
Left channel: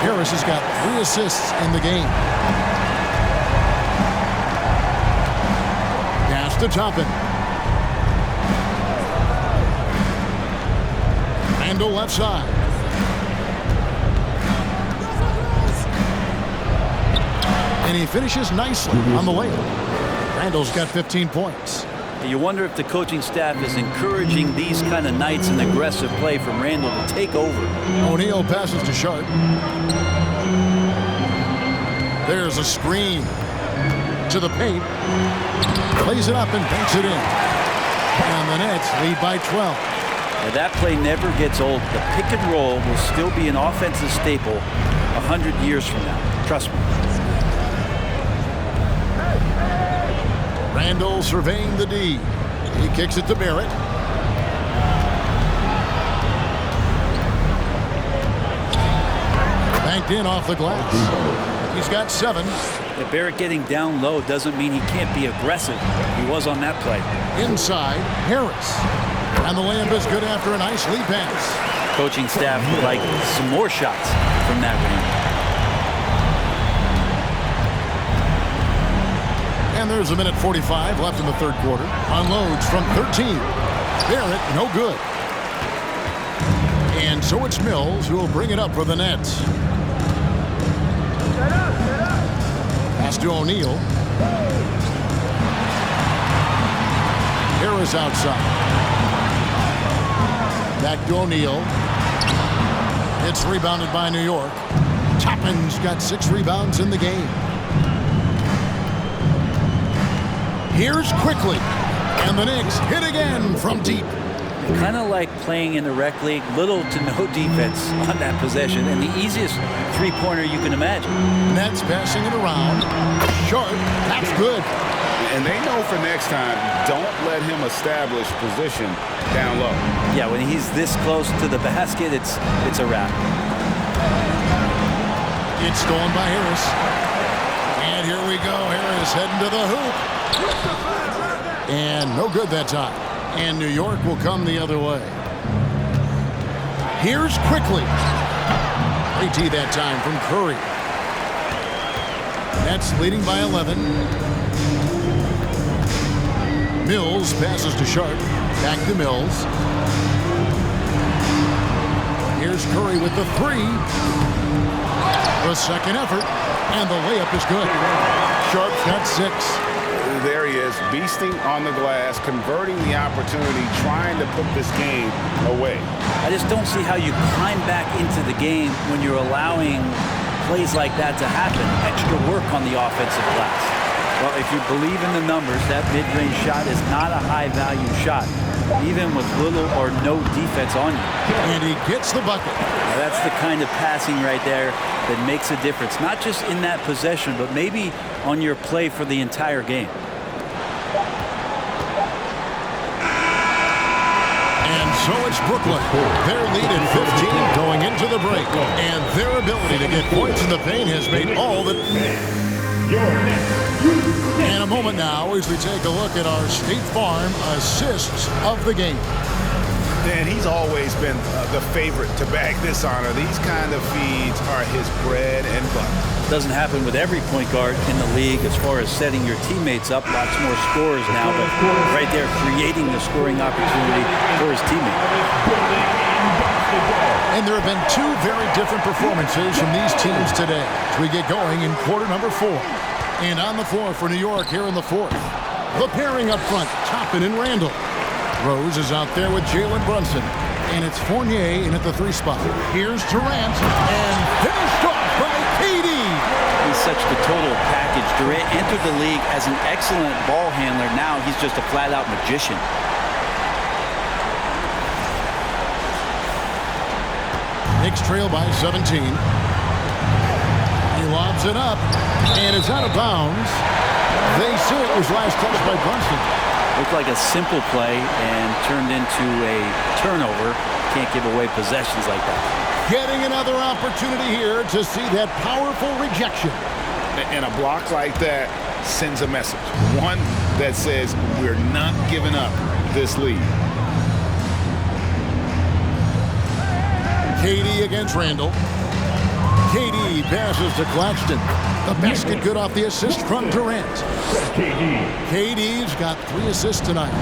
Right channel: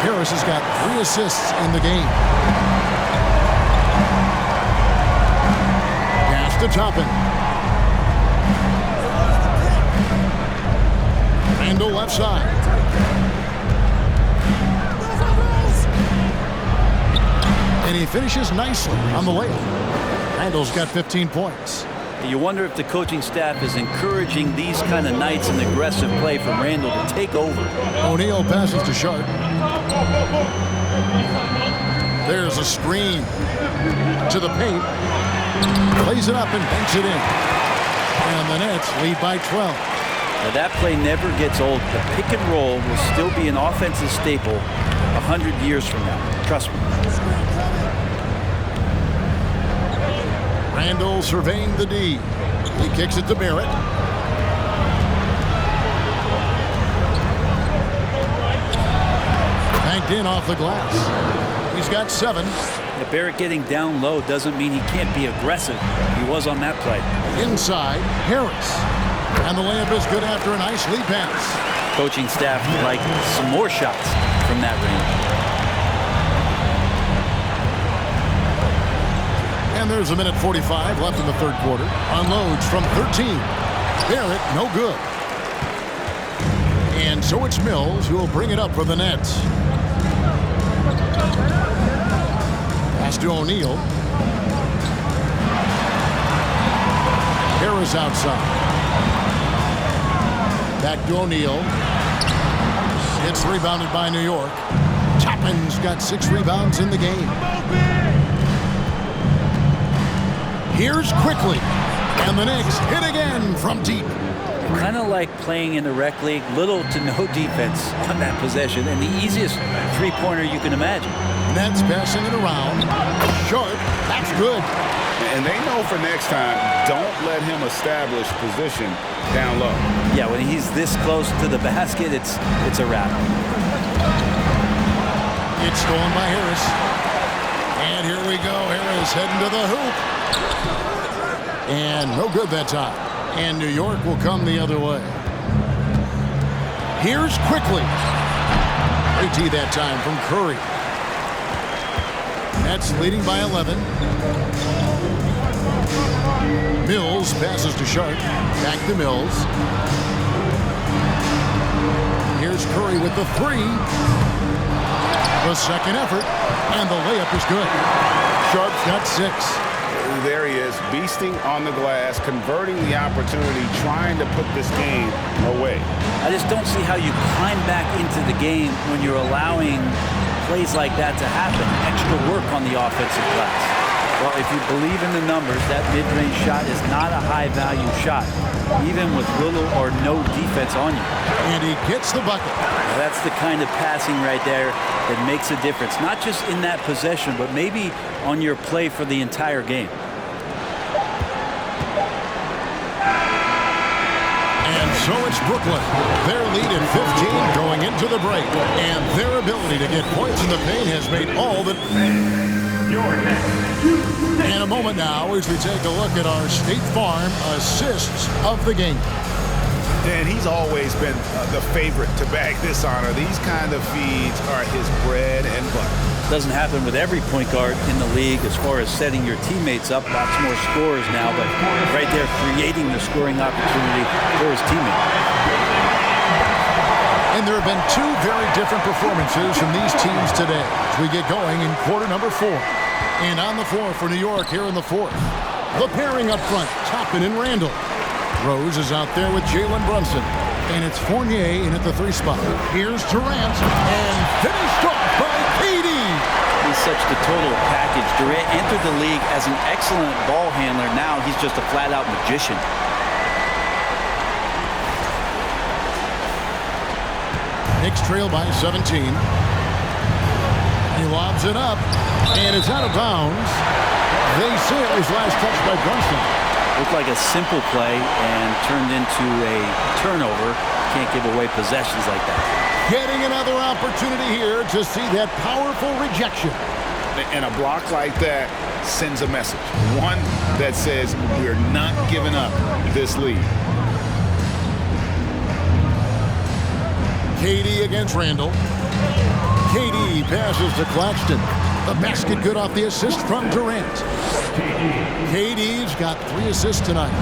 Harris has got 3 assists in the game. Pass to Toppin. Randle left side. And he finishes nicely on the layup. Randle's got 15 points. You wonder if the coaching staff is encouraging these kind of nights and aggressive play from Randle to take over. O'Neal passes to Sharp. There's a screen to the paint. Plays it up and banks it in. And the Nets lead by 12. Now that play never gets old. The pick and roll will still be an offensive staple 100 years from now. Trust me. Randle surveying the D. He kicks it to Barrett. Banked in off the glass. He's got 7. Yeah, Barrett getting down low doesn't mean he can't be aggressive. He was on that play. Inside, Harris. And the layup is good after a nice lead pass. Coaching staff would like some more shots from that range. And there's a minute 45 left in the third quarter. Unloads from 13. Barrett, no good. And so it's Mills who will bring it up for the Nets. Pass to O'Neal. Harris outside. Back to O'Neal. It's rebounded by New York. Toppin's got 6 rebounds in the game. Here's Quickly. And the Knicks hit again from deep. Kind of like playing in the rec league, little to no defense on that possession, and the easiest three-pointer you can imagine. Nets passing it around. Sharp, that's good. And they know for next time, don't let him establish position down low. Yeah, when he's this close to the basket, it's a wrap. It's stolen by Harris. And here we go. Harris heading to the hoop. And no good that time. And New York will come the other way. Here's Quickly. AT that time from Curry. Nets leading by 11. Mills passes to Sharp. Back to Mills. Here's Curry with the 3. The second effort. And the layup is good. Sharp's got 6. There he is, beasting on the glass, converting the opportunity, trying to put this game away. I just don't see how you climb back into the game when you're allowing plays like that to happen. Extra work on the offensive glass. Well, if you believe in the numbers, that mid-range shot is not a high-value shot, even with little or no defense on you. And he gets the bucket. Now, that's the kind of passing right there that makes a difference, not just in that possession, but maybe on your play for the entire game. And so it's Brooklyn. Their lead at 15 going into the break. And their ability to get points in the paint has made all that... And a moment now as we take a look at our State Farm assists of the game. And he's always been the favorite to bag this honor. These kind of feeds are his bread and butter. Doesn't happen with every point guard in the league as far as setting your teammates up. Lots more scorers now, but right there creating the scoring opportunity for his teammate. And there have been 2 very different performances from these teams today as we get going in quarter number 4. And on the floor for New York here in the 4th. The pairing up front, Toppin and Randall. Rose is out there with Jalen Brunson. And it's Fournier in at the 3 spot. Here's Durant, and finished off by KD. He's such the total package. Durant entered the league as an excellent ball handler. Now he's just a flat-out magician. Knicks trail by 17. He lobs it up, and it's out of bounds. They say it was last touched by Brunson. Looked like a simple play and turned into a turnover. Can't give away possessions like that. Getting another opportunity here to see that powerful rejection. And a block like that sends a message. One that says we're not giving up this lead. KD against Randall. KD passes to Claxton. The basket good off the assist from Durant. KD's got 3 assists tonight.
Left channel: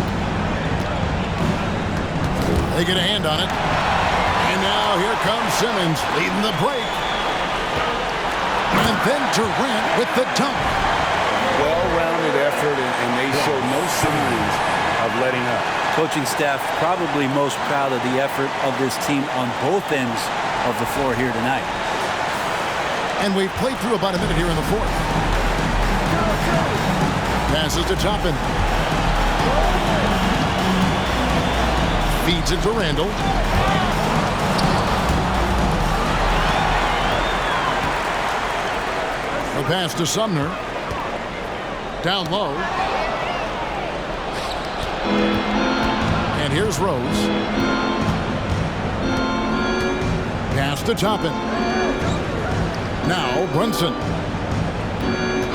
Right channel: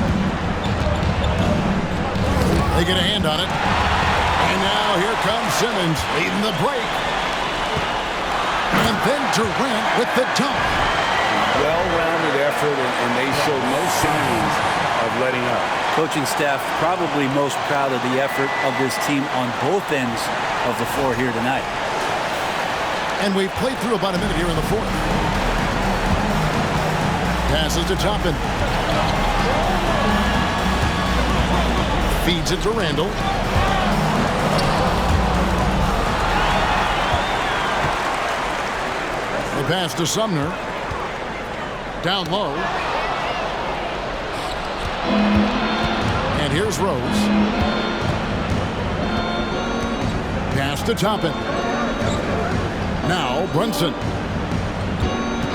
They get a hand on it. And now here comes Simmons leading the break. And then Durant with the dunk. Well-rounded effort, and they show no signs of letting up. Coaching staff probably most proud of the effort of this team on both ends of the floor here tonight. And we've played through about a minute here in the 4th. Passes to Toppin. Feeds it to Randall. The pass to Sumner. Down low. And here's Rose. Pass to Toppin. Now Brunson.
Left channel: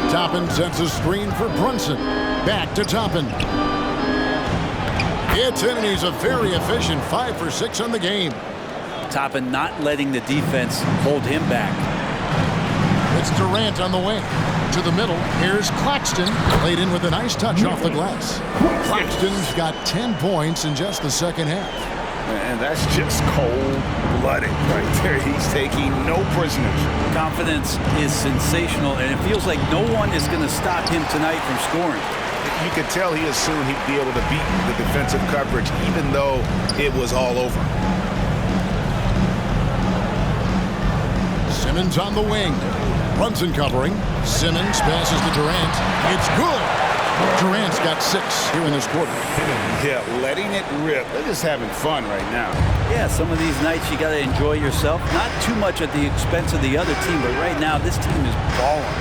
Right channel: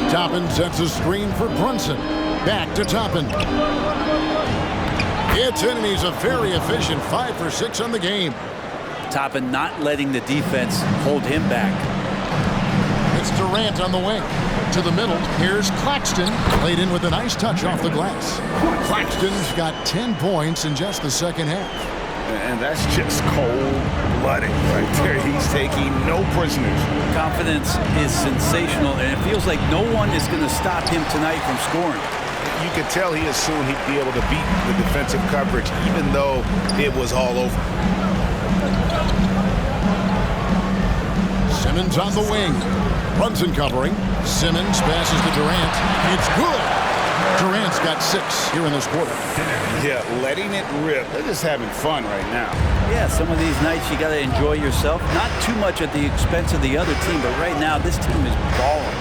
Toppin sets a screen for Brunson. Back to Toppin. It's in, and he's a very efficient 5 for 6 on the game. Toppin not letting the defense hold him back. It's Durant on the wing. to the middle. Here's Claxton. Laid in with a nice touch off the glass. Claxton's got 10 points in just the second half. And that's just cold-blooded right there. He's taking no prisoners. Confidence is sensational, and it feels like no one is going to stop him tonight from scoring. You could tell he assumed he'd be able to beat the defensive coverage, even though it was all over. Simmons on the wing. Brunson covering. Simmons passes to Durant. It's good. Durant's got 6 here in this quarter. Yeah, letting it rip. They're just having fun right now. Yeah, some of these nights you got to enjoy yourself. Not too much at the expense of the other team, but right now this team is balling.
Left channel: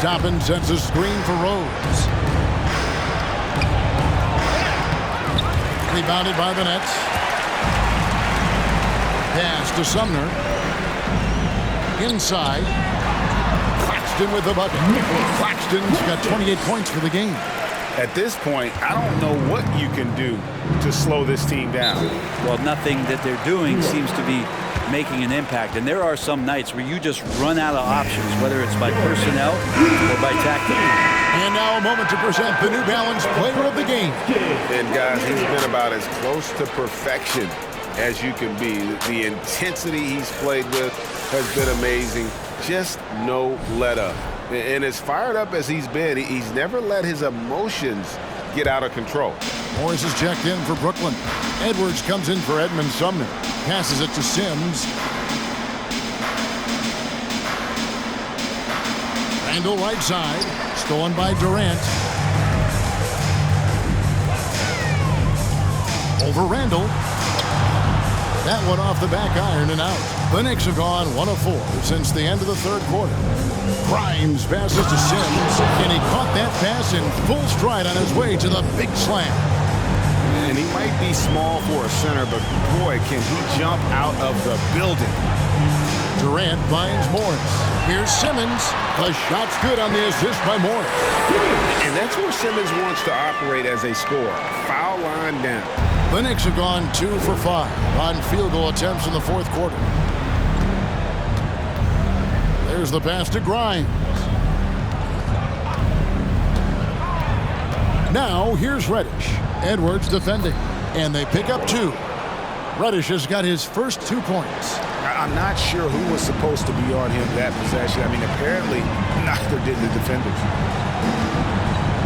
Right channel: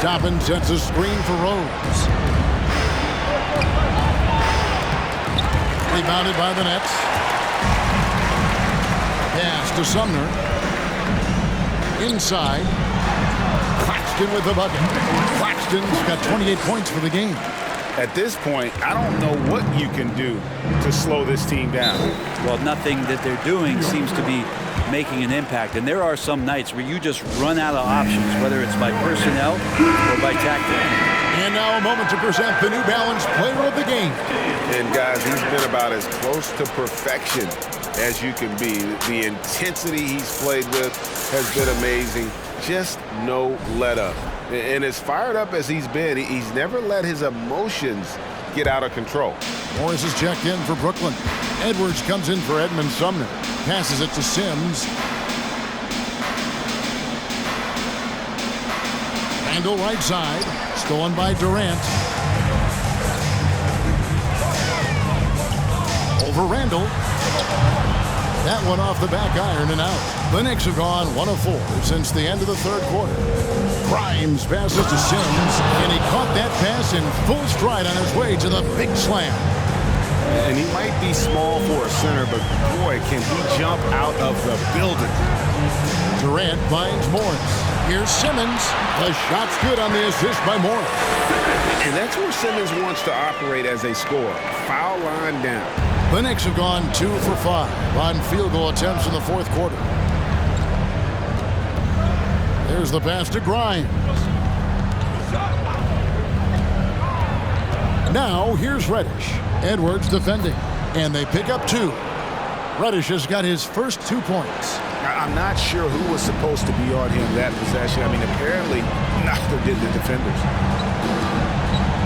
Toppin sets a screen for Rose. Rebounded by the Nets. Pass to Sumner. Inside. Claxton with the bucket. Claxton's got 28 points for the game. At this point, I don't know what you can do to slow this team down. Well, nothing that they're doing seems to be making an impact. And there are some nights where you just run out of options, whether it's by personnel or by tactic. And now a moment to present the New Balance Player of the Game. And guys, he's been about as close to perfection as you can be. The intensity he's played with has been amazing. Just no let up. And as fired up as he's been, he's never let his emotions get out of control. Morris is checked in for Brooklyn. Edwards comes in for Edmund Sumner. Passes it to Sims. Randall right side. Stolen by Durant. Over Randall. That one off the back iron and out. The Knicks have gone 1 of 4 since the end of the third quarter. Grimes passes to Sims, and he caught that pass in full stride on his way to the big slam. And he might be small for a center, but boy, can he jump out of the building. Durant finds Morris. Here's Simmons. The shot's good on the assist by Morris. And that's where Simmons wants to operate as a scorer. Foul line down. The Knicks have gone 2 for 5 on field goal attempts in the fourth quarter. There's the pass to Grimes. Now here's Reddish. Edwards defending. And they pick up 2. Reddish has got his first 2 points. I'm not sure who was supposed to be on him that possession. I mean, apparently neither did the defenders.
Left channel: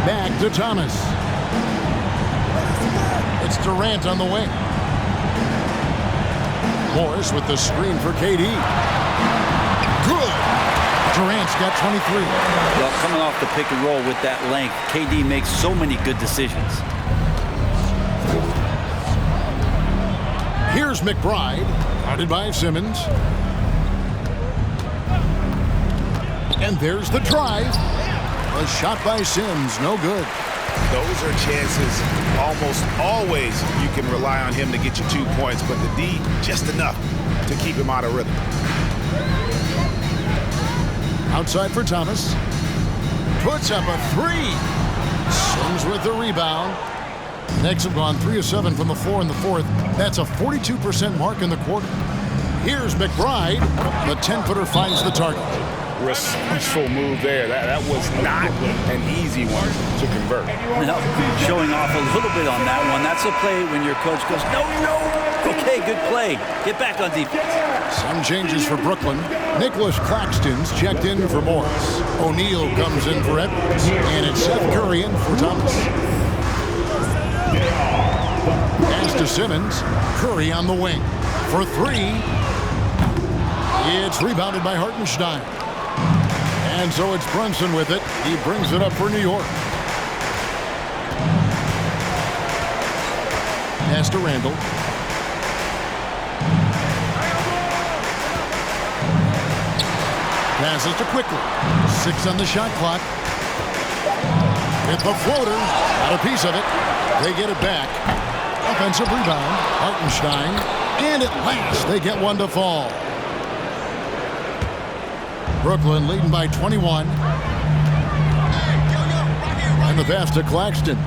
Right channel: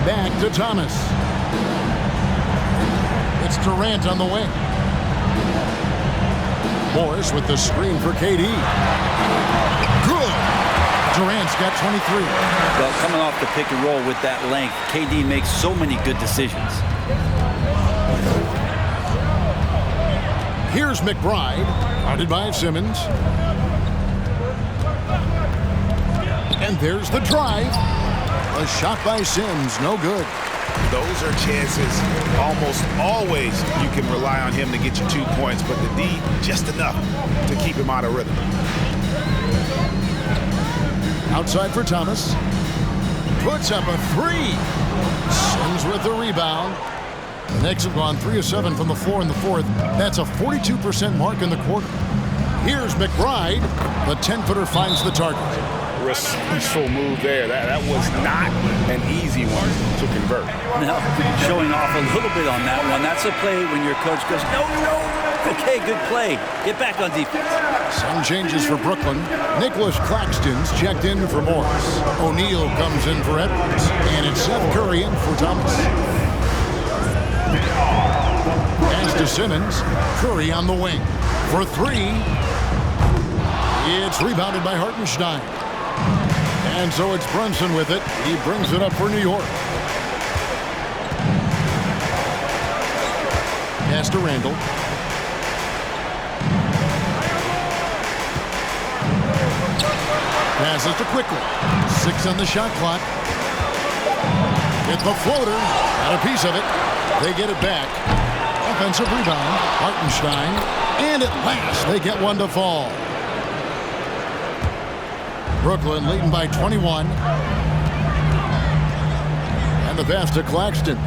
Back to Thomas. It's Durant on the wing. Morris with the screen for KD. Good. Durant's got 23. Well, coming off the pick and roll with that length, KD makes so many good decisions. Here's McBride, guarded by Simmons. And there's the drive. A shot by Sims, no good. Those are chances almost always you can rely on him to get you 2 points, but the D, just enough to keep him out of rhythm. Outside for Thomas. Puts up a 3. Sims with the rebound. The Knicks have gone 3 of 7 from the floor in the fourth. That's a 42% mark in the quarter. Here's McBride. The 10-footer finds the target. Resourceful move there. That was not an easy one to convert. Now, showing off a little bit on that one. That's a play when your coach goes, no. Okay, good play. Get back on defense. Some changes for Brooklyn. Nicholas Claxton's checked in for Morris. O'Neal comes in for Edwards. And it's Seth Curry in for Thomas. Pass to Simmons. Curry on the wing. For 3. It's rebounded by Hartenstein. And so it's Brunson with it. He brings it up for New York. Pass to Randall. Passes to Quickly. 6 on the shot clock. With the floater. Got a piece of it. They get it back. Offensive rebound. Hartenstein. And at last, they get one to fall. Brooklyn leading by 21. And the pass to Claxton.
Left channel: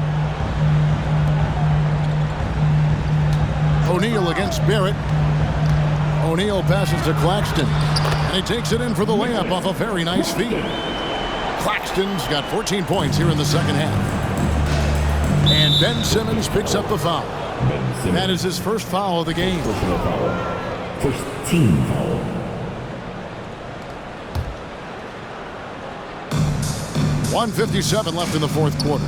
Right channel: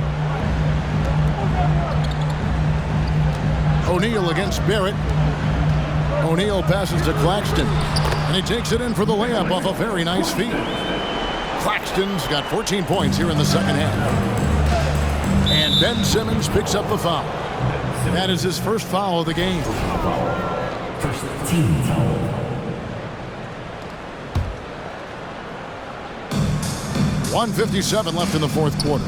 O'Neal against Barrett. O'Neal passes to Claxton. And he takes it in for the layup off a very nice feed. Claxton's got 14 points here in the second half. And Ben Simmons picks up the foul. That is his first foul of the game. Personal foul. First team foul. .157 left in the fourth quarter.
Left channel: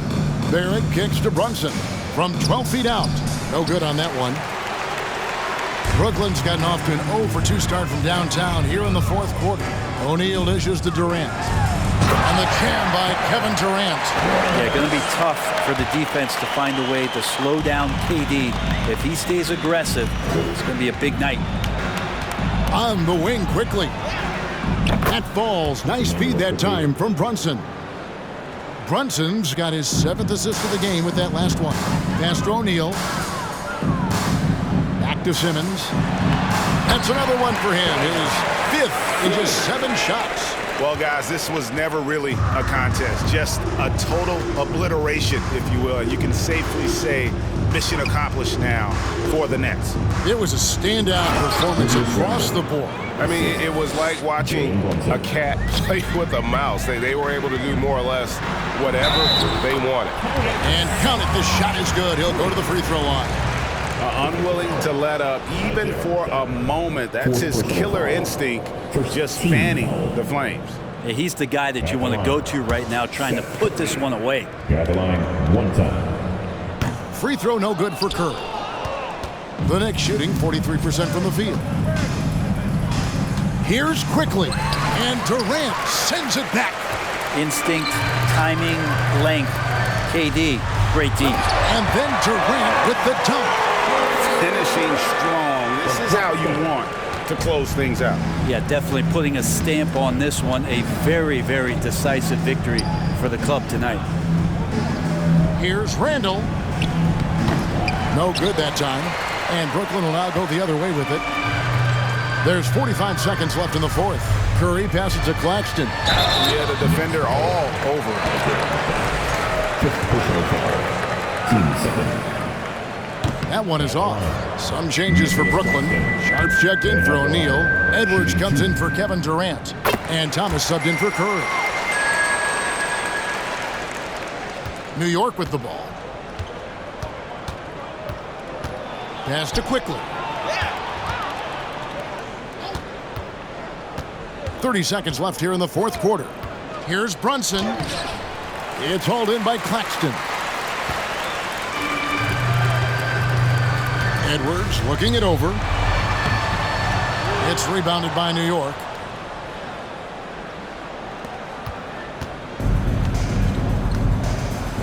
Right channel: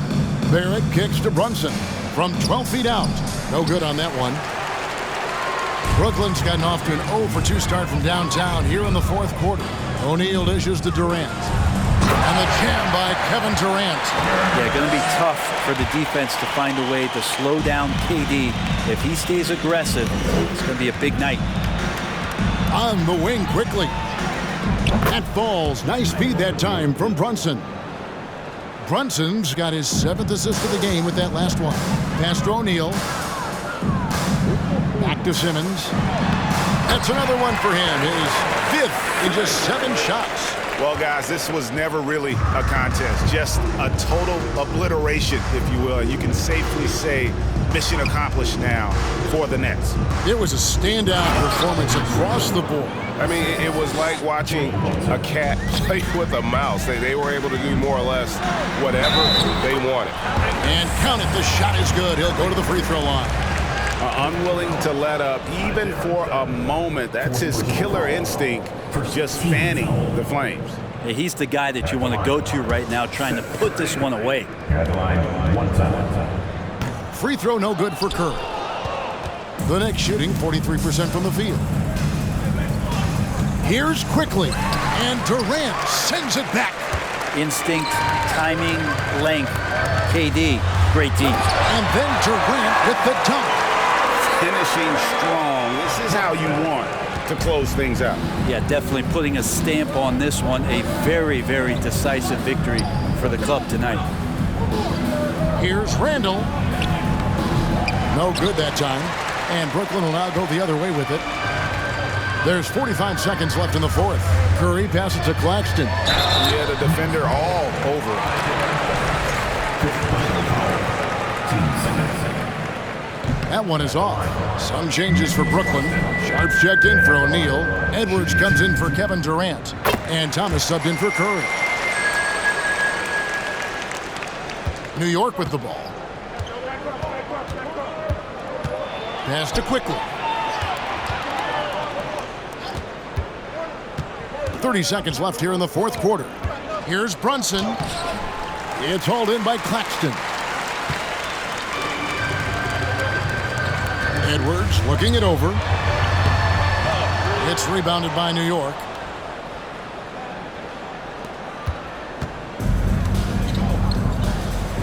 Barrett kicks to Brunson from 12 feet out. No good on that one. Brooklyn's gotten off to an 0 for 2 start from downtown here in the fourth quarter. O'Neal dishes to Durant. And the jam by Kevin Durant. Yeah, going to be tough for the defense to find a way to slow down KD. If he stays aggressive, it's going to be a big night. On the wing quickly. That falls. Nice feed that time from Brunson. Brunson's got his 7th assist of the game with that last one. Pass to O'Neal. Back to Simmons. That's another one for him. His 5th in just 7 shots. Well, guys, this was never really a contest. Just a total obliteration, if you will. And you can safely say mission accomplished now for the Nets. It was a standout performance across the board. I mean, it was like watching a cat play with a mouse. They were able to do more or less whatever they wanted. And count it, the shot is good. He'll go to the free throw line. Unwilling to let up, even for a moment. That's his killer instinct, just fanning the flames. Yeah, he's the guy that you want to go to right now, trying to put this one away. At the line, 1 time. Free throw no good for Curry. The Knicks shooting 43% from the field. Here's quickly, and Durant sends it back. Instinct, timing, length. KD, great D. And then Durant with the dunk. Finishing strong. This is how you want to close things out. Yeah, definitely putting a stamp on this one. A very, very decisive victory for the club tonight. Here's Randall. No good that time. And Brooklyn will now go the other way with it. There's 45 seconds left in the fourth. Curry passes to Claxton. Yeah, the defender all over it. 5th personal foul. Team seconds. That one is off. Some changes for Brooklyn. Sharps checked in for O'Neal. Edwards comes in for Kevin Durant. And Thomas subbed in for Curry. New York with the ball. Pass to quickly. 30 seconds left here in the fourth quarter. Here's Brunson. It's hauled in by Claxton. Edwards looking it over. It's rebounded by New York.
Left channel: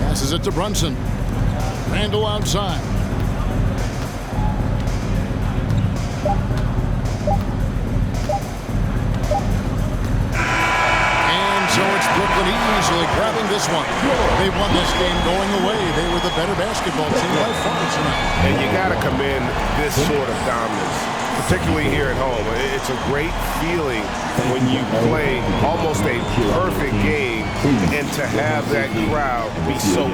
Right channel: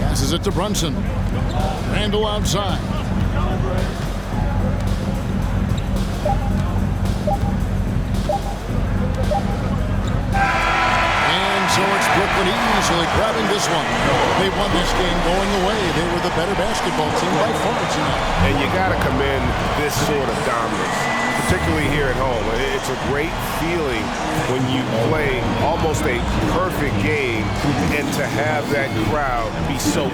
Passes it to Brunson. Randall outside. And so it's Brooklyn easily grabbing this one. They won this game going away. They were the better basketball team by far tonight. And you got to commend this sort of dominance, particularly here at home. It's a great feeling when you play almost a perfect game and to have that crowd be so